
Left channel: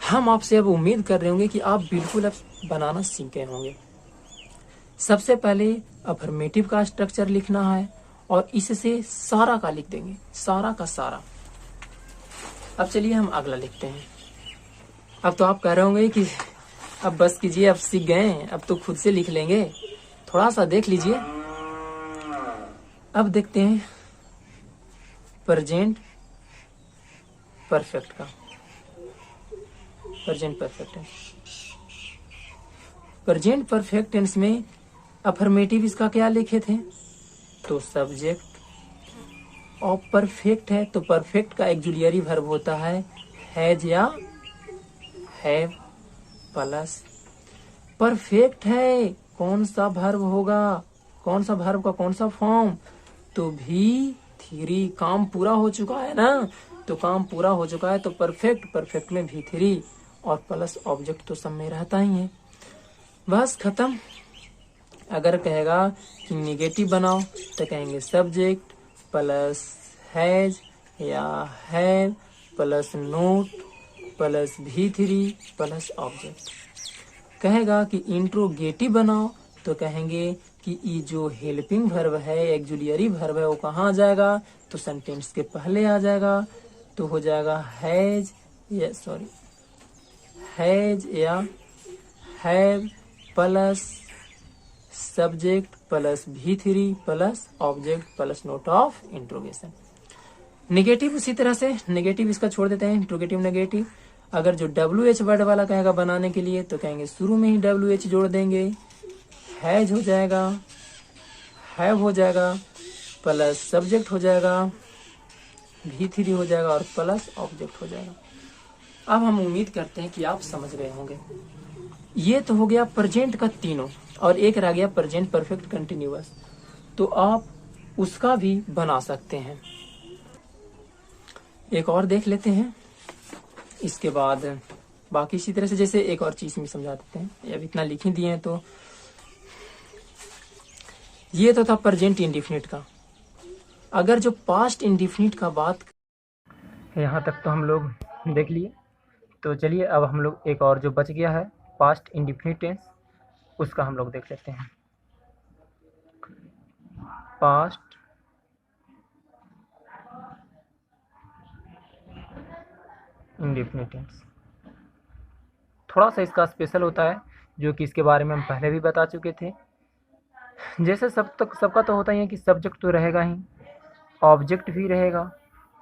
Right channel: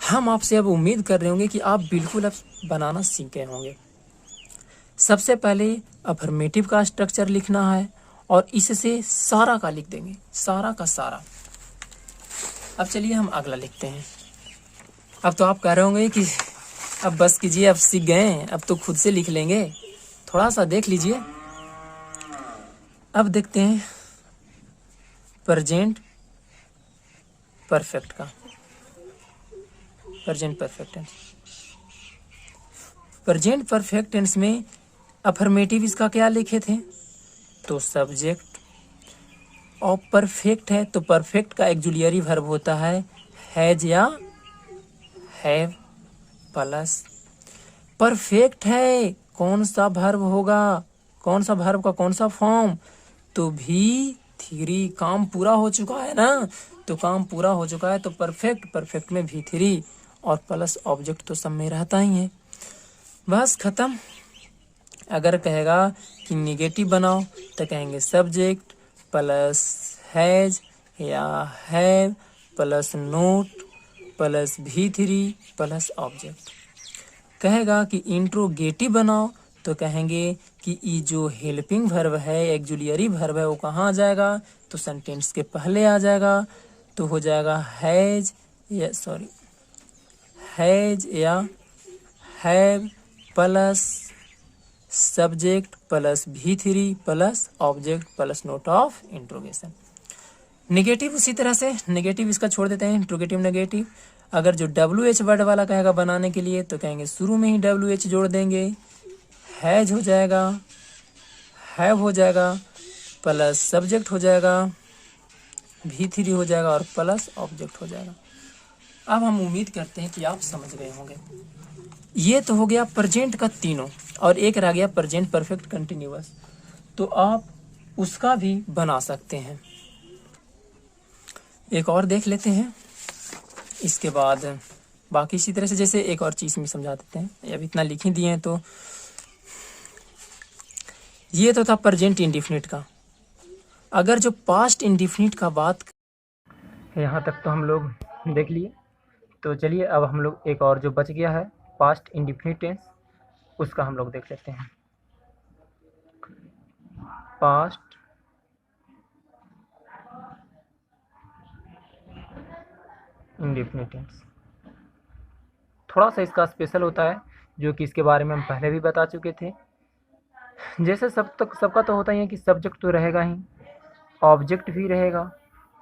हम आपसे अब उम्मीद कर रहे होंगे कि आप बिल्कुल अब बनाना सीख गए होंगे। सबसे पहले अफर्मेटिव का स्ट्रक्चर लिखना है, और इससे सारा का लिख देंगे, सारा का सारा। अब चलिए हम अगला लिखते हैं। अब तो आप कह रहे होंगे कि अब बस कीजिए, अब सीख गए, अब तो खुद से लिख लेंगे, थोड़ा सा देख लीजिए। अब देखते हैं प्रेजेंट परफेक्ट का, present perfect tense. Present perfect tense में अफर्मेटिव इसका क्या लिखे थे, तो सब्जेक्ट। और परफेक्ट है तो परफेक्ट का एक्जुलियरी वर्ब होता है हैज या हैव प्लस। परफेक्ट है कौन सा वर्ब होगा, कौन सा वर्ब का कौन सा फॉर्म, तो भी थ्री। काम पूरा हो चुका है ना, तो काम पूरा हो चुका है तो परफेक्ट, परफेक्ट में भी थ्री और प्लस ऑब्जेक्ट तो सब में रहता ही है, बस खत्म। अगर कहेगा कि निगेटिव बनाओ तो कहेंगे सब्जेक्ट प्लस हैज या हैव प्लस नोट प्लस भी थ्री प्लस ऑब्जेक्ट। कहेगा कि इंट्रोगेटिव बनाओ तो कहेंगे कि ये जो हेल्पिंग वर्ब है, एक्जुलियरी वर्ब है, वो कहाँ आ जाएगा, तो सेंटेंस के पहले आ जाएगा, तो हो जाएगा हैज या हैज या हैव प्लस सब्जेक्ट प्लस भी three plus object plus not of interrogation. Negative उसी तरह से, निगेटिव इसका छोड़ देते हैं, इंट्रोगेटिव नेगेटिव। अगर जो WH वर्ड वाला कहेगा बनाने के लिए तो कहेंगे शुरू में ही WH जोड़ देंगे, हैज हो जाएगा, हैव हो जाएगा प्लस सब्जेक्ट हो जाएगा, भी थ्री हो जाएगा और प्लस ऑब्जेक्ट हो जाएगा। अब हम उम्मीद करते हैं कि आप समझ रहे होंगे। ये तो हो गया प्रेजेंट का तीनों, और एक रह गया प्रेजेंट परफेक्ट कंटिन्यूअस, तो आप उसका भी बना सकते हैं। एक और देख लेते हैं, इसके बाद बाकी इसी तरह से जैसे एक और चीज में समझा देते हैं। अब इतना लिख ही दिए हैं तो ये तो था प्रेजेंट इंडेफिनिट का। अगर जो पास्ट इंडेफिनिट का बात, यहाँ तक तो हम लोग देख लिए, तो चलिए अब हम लोग एक और जो बच गया है पास्ट इंडेफिनिट टेंस, उसका हम लोग देख लेते हैं। पास्ट इंडेफिनिट टेंस थोड़ा सा इसका स्पेशल होता है, जो कि इसके बारे में हम पहले भी बता चुके थे। जैसे सबका तो होता ही है कि सब्जेक्ट तो रहेगा ही, ऑब्जेक्ट भी रहेगा,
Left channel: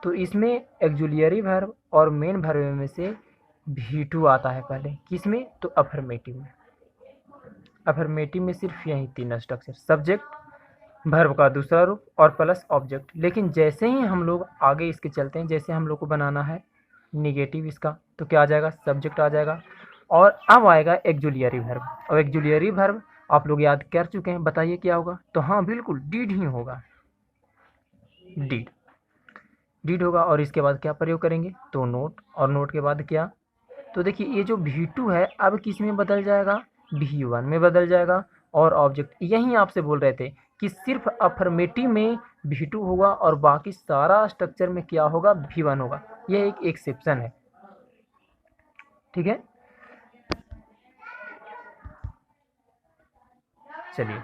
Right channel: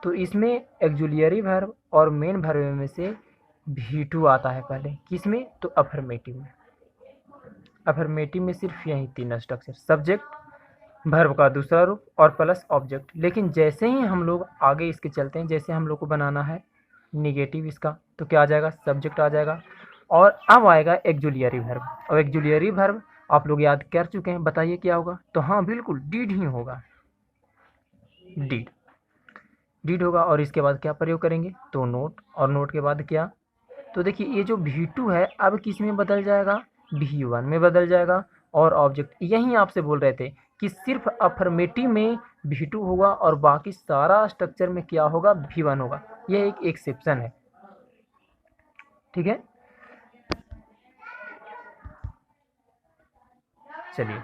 तो इसमें एक्जुलियरी वर्ब और मेन वर्ब में से V2 आता है पहले, किसमें, तो अफर्मेटिव में। अफर्मेटिव में सिर्फ यही तीन स्ट्रक्चर, सब्जेक्ट, वर्ब का दूसरा रूप और प्लस ऑब्जेक्ट। लेकिन जैसे ही हम लोग आगे इसके चलते हैं, जैसे हम लोग को बनाना है निगेटिव इसका, तो क्या आ जाएगा, सब्जेक्ट आ जाएगा और अब आएगा एक्जुलियरी वर्ब। और एक्जुलियरी वर्ब आप लोग याद कर चुके हैं, बताइए क्या होगा, तो हाँ बिल्कुल डीड ही होगा, डीड होगा। और इसके बाद क्या प्रयोग करेंगे, तो नोट, और नोट के बाद क्या, तो देखिए ये जो V2 है अब किस में बदल जाएगा, V1 में बदल जाएगा। और ऑब्जेक्ट यही आपसे बोल रहे थे कि सिर्फ अफर्मेटिव में V2 होगा और बाकी सारा स्ट्रक्चर में क्या होगा, V1 होगा। यह एक एक्सेप्शन है, ठीक है। चलिए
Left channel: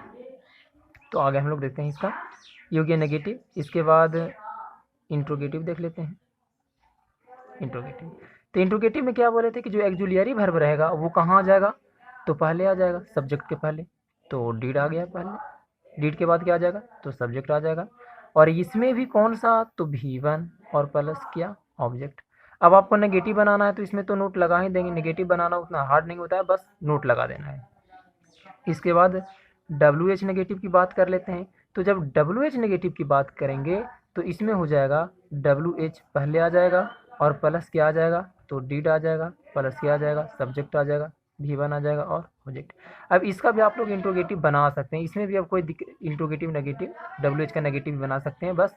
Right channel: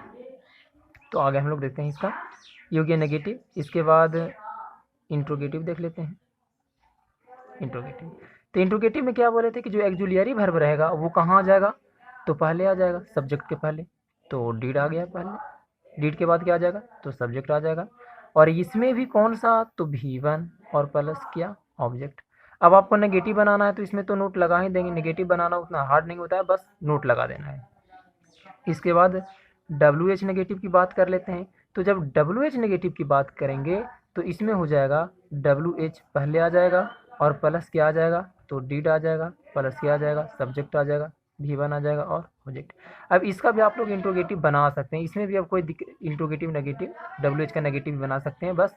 तो आगे हम लोग देखते हैं इसका, ये हो गया नेगेटिव। इसके बाद इंट्रोगेटिव देख लेते हैं। इंट्रोगेटिव, तो इंट्रोगेटिव में क्या बोले थे कि जो एक्जुलियरी वर्ब रहेगा वो कहाँ आ जाएगा, तो पहले आ जाएगा सब्जेक्ट के पहले, तो डीड आ गया पहले, डीड के बाद क्या आ जाएगा, तो सब्जेक्ट आ जाएगा। और इसमें भी कौन सा, तो V1 और प्लस क्या, ऑब्जेक्ट। अब आपको नेगेटिव बनाना है तो इसमें तो नोट लगा ही देंगे, नेगेटिव बनाना उतना हार्ड नहीं होता है, बस नोट लगा देना है। इसके बाद WH नेगेटिव की बात कर लेते हैं। तो जब WH नेगेटिव की बात करेंगे तो इसमें हो जाएगा WH पहले आ जाएगा और प्लस क्या आ जाएगा, तो डीड आ जाएगा, प्लस क्या आ जाएगा, सब्जेक्ट आ जाएगा, V1 आ जाएगा और ऑब्जेक्ट। अब इसका भी आप लोग इंट्रोगेटिव बना सकते हैं, इसमें भी अब कोई इंट्रोगेटिव नेगेटिव WH का नेगेटिव बना सकते हैं, बस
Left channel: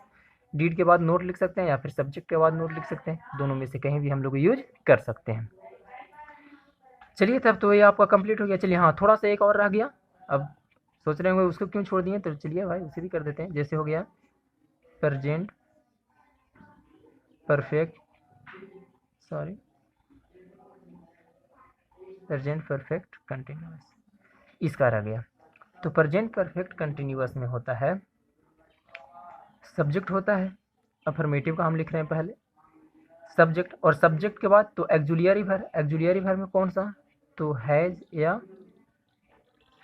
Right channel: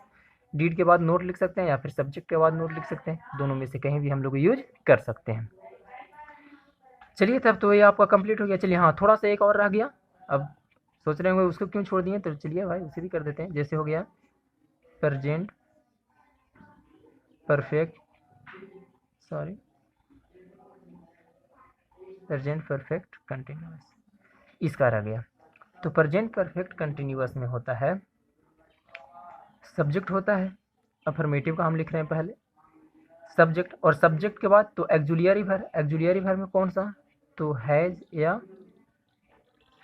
डीड के बाद नोट लिख सकते हैं या फिर सब्जेक्ट के बाद नोट लिख सकते हैं, दोनों में से कहीं भी हम लोग यूज कर सकते हैं। चलिए तब तो ये आपका कंप्लीट हो गया। चलिए हाँ, थोड़ा सा एक और रह गया, अब सोच रहे होंगे उसको क्यों छोड़ दिए, तो चलिए भाई उसे भी कर देते हैं। जैसे हो गया present perfect, present perfect continuous, इसका रह गया। तो प्रेजेंट परफेक्ट कंटिन्यूअस में होता है सब्जेक्ट होता है, अफर्मेटिव का हम लिख रहे हैं पहले सब्जेक्ट, और सब्जेक्ट के बाद तो एक्जुलियरी वर्ब, एक्जुलियरी वर्ब में कौन सा, तो हैज या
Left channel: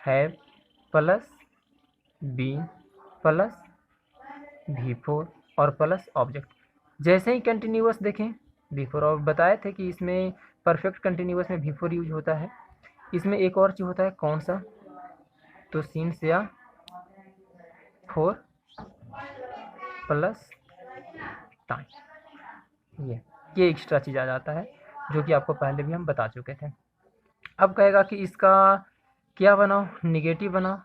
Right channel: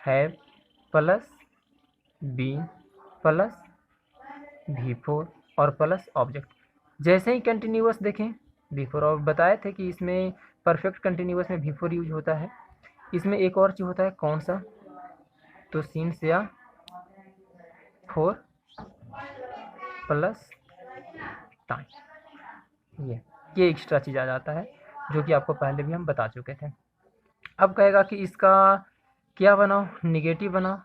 have plus B plus V4 और प्लस ऑब्जेक्ट। जैसे ही कंटिन्यूअस देखें बिफोर, और बताए थे कि इसमें परफेक्ट कंटिन्यूअस में बिफोर यूज होता है। इसमें एक और चीज़ होता है, कौन सा, तो सिंस या फोर प्लस टाइम, ये एक्स्ट्रा चीज़ आ जाता है जो कि आपको पहले भी हम बता चुके थे। अब कहेगा कि इसका क्या बनाओ, निगेटिव बनाओ,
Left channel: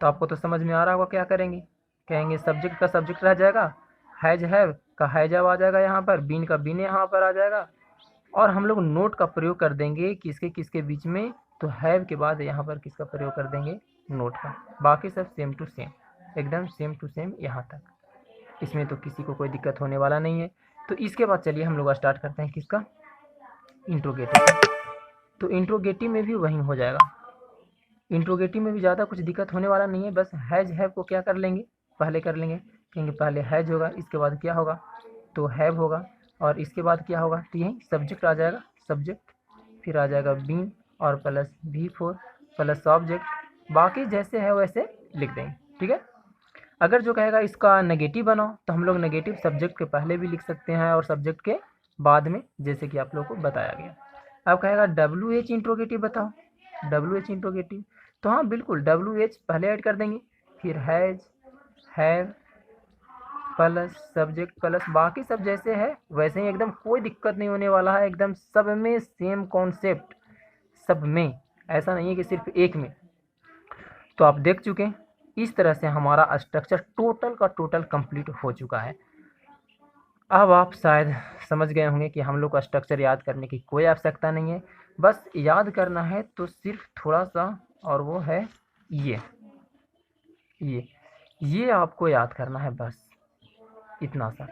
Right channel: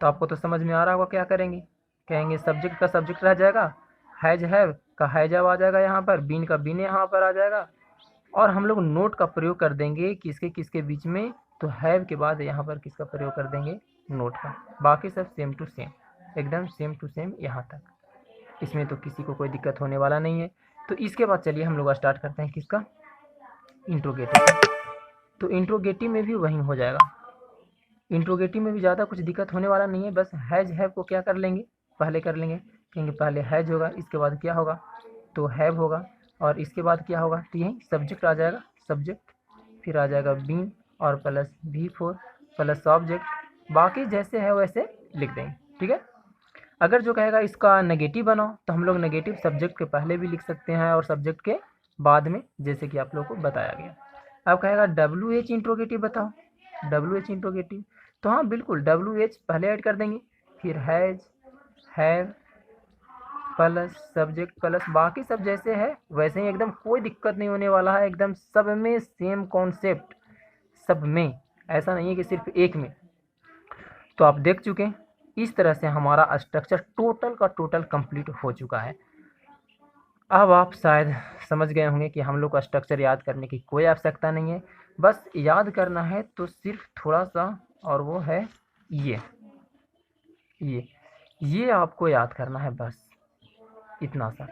तो आपको तो समझ में आ रहा होगा क्या करेंगे। कहेंगे सब्जेक्ट का सब्जेक्ट रह जाएगा, हैज हैव का हैज हैव आ जाएगा यहाँ पर, बीन का बीन यहाँ पर आ जाएगा, और हम लोग नोट का प्रयोग कर देंगे किसके किसके बीच में, तो हैव के बाद यहाँ पर किसका प्रयोग कर देंगे, नोट का। बाकी सब सेम टू सेम, एकदम सेम टू सेम यहाँ तक, इसमें तो किसी को कोई दिक्कत होने वाला नहीं है। तो इसके बाद चलिए हम लोग स्टार्ट करते हैं किसका, इंट्रोगेटिव। तो इंट्रोगेटिव में भी वही हो जाएगा, इंट्रोगेटिव में भी ज़्यादा कुछ दिक्कत होने वाला नहीं है। बस हैज हैव को क्या कर लेंगे, पहले कर लेंगे, कहेंगे पहले हैज होगा, इसके बाद क्या होगा, तो हैव होगा, और इसके बाद क्या होगा, तो यही सब्जेक्ट आ जाएगा, सब्जेक्ट, फिर आ जाएगा बीन और प्लस V4 प्लस ऑब्जेक्ट, बाकी जैसे है वैसे लिख देंगे, ठीक है। अगर जो कहेगा इसका नेगेटिव बनाओ, तो हम लोग नेगेटिव सब्जेक्ट के पहले भी लिख सकते हैं और सब्जेक्ट के बाद में, जैसे कि आप लोग को बताया गया। अब कहेगा WH इंट्रोगेटिव बताओ, WH इंट्रोगेटिव, तो हाँ बिल्कुल WH पहले ऐड कर देंगे, फिर has have plus subject plus बाकी सब जैसे है वैसे ही, एकदम कोई दिक्कत नहीं होने वाला है, एकदम सब में सेम कॉन्सेप्ट, सब में, ऐसा नहीं है कि सिर्फ एक में। तो आप देख चुके हैं, इस तरह से हमारा स्ट्रक्चर टोटल का टोटल कंप्लीट हो चुका है। अब आप शायद समझ गए होंगे कि हम लोग का स्ट्रक्चर याद करने की कोई आवश्यकता नहीं है, बस याद करना है तो सिर्फ थोड़ा सा, और वो है ये आपको याद करना है, बस इतना सा।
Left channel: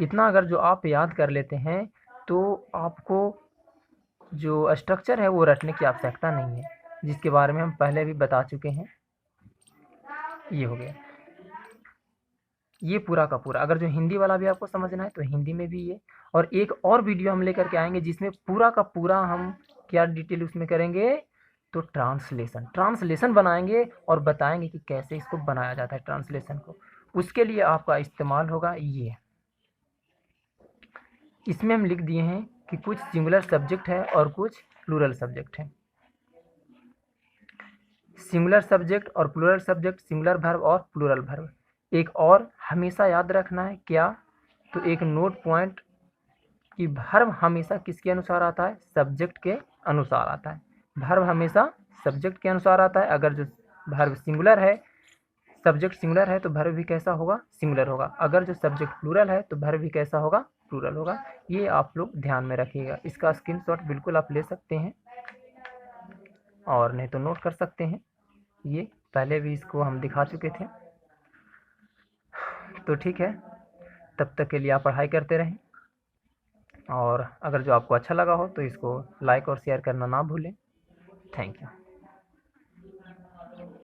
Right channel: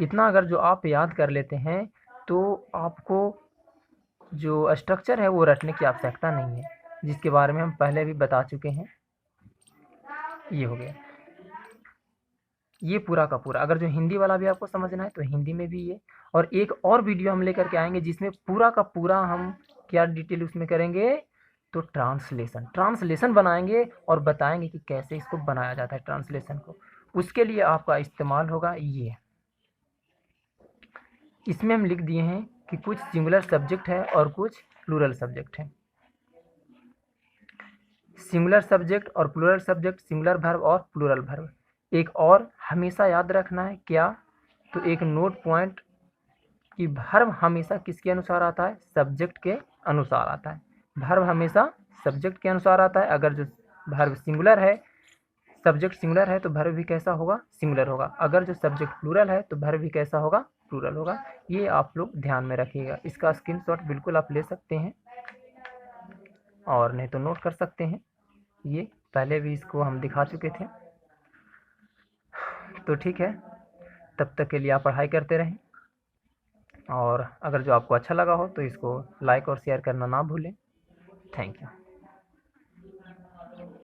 इतना अगर जो आप याद कर लेते हैं तो आपको जो स्ट्रक्चर है वो रटने की आवश्यकता नहीं है, जिसके बारे में हम पहले भी बता चुके हैं। ये हो गया, ये पूरा का पूरा। अगर जो हिंदी वाला भी आपको समझना है तो हिंदी में भी ये, और एक और वीडियो हम लेकर के आएंगे जिसमें पूरा का पूरा हम क्या डिटेल उसमें करेंगे, तो ट्रांसलेशन बनाएंगे और बताएंगे कि कैसे इसको बनाया जाता है ट्रांसलेशन को। उसके लिए आपका इस्तेमाल होगा ये, इसमें हम लिख दिए हैं कि कुछ सिंगुलर सब्जेक्ट है और कुछ प्लूरल सब्जेक्ट है। सिंगुलर सब्जेक्ट और प्लूरल सब्जेक्ट, सिंगुलर वर्ब और प्लूरल वर्ब। एक और हमेशा याद रखना है क्या, तो एक नोट पॉइंट कि वर्ब हमेशा किसके अनुसार आता है, सब्जेक्ट के अनुसार आता है। वर्ब हमेशा सब्जेक्ट के अनुसार आता है। अगर जो वर्ब सिंगुलर है, सब्जेक्ट सिंगुलर है, तो वर्ब भी कैसा होगा, सिंगुलर होगा। अगर जो सब्जेक्ट प्लूरल है तो वर्ब भी कैसा होगा, प्लूरल होगा। ये आप लोग ध्यान में रखिएगा। इसका स्क्रीनशॉट बिल्कुल आप ले सकते हैं और नहीं तो नोट कर सकते हैं, ये पहले भी इसको हम दिखा चुके थे। तो ठीक है, तब तक के लिए आप पढ़ाई करते रहें, और अगर जो आपको अच्छा लगा हो तो इसको लाइक और शेयर करना ना भूलें। Thank you.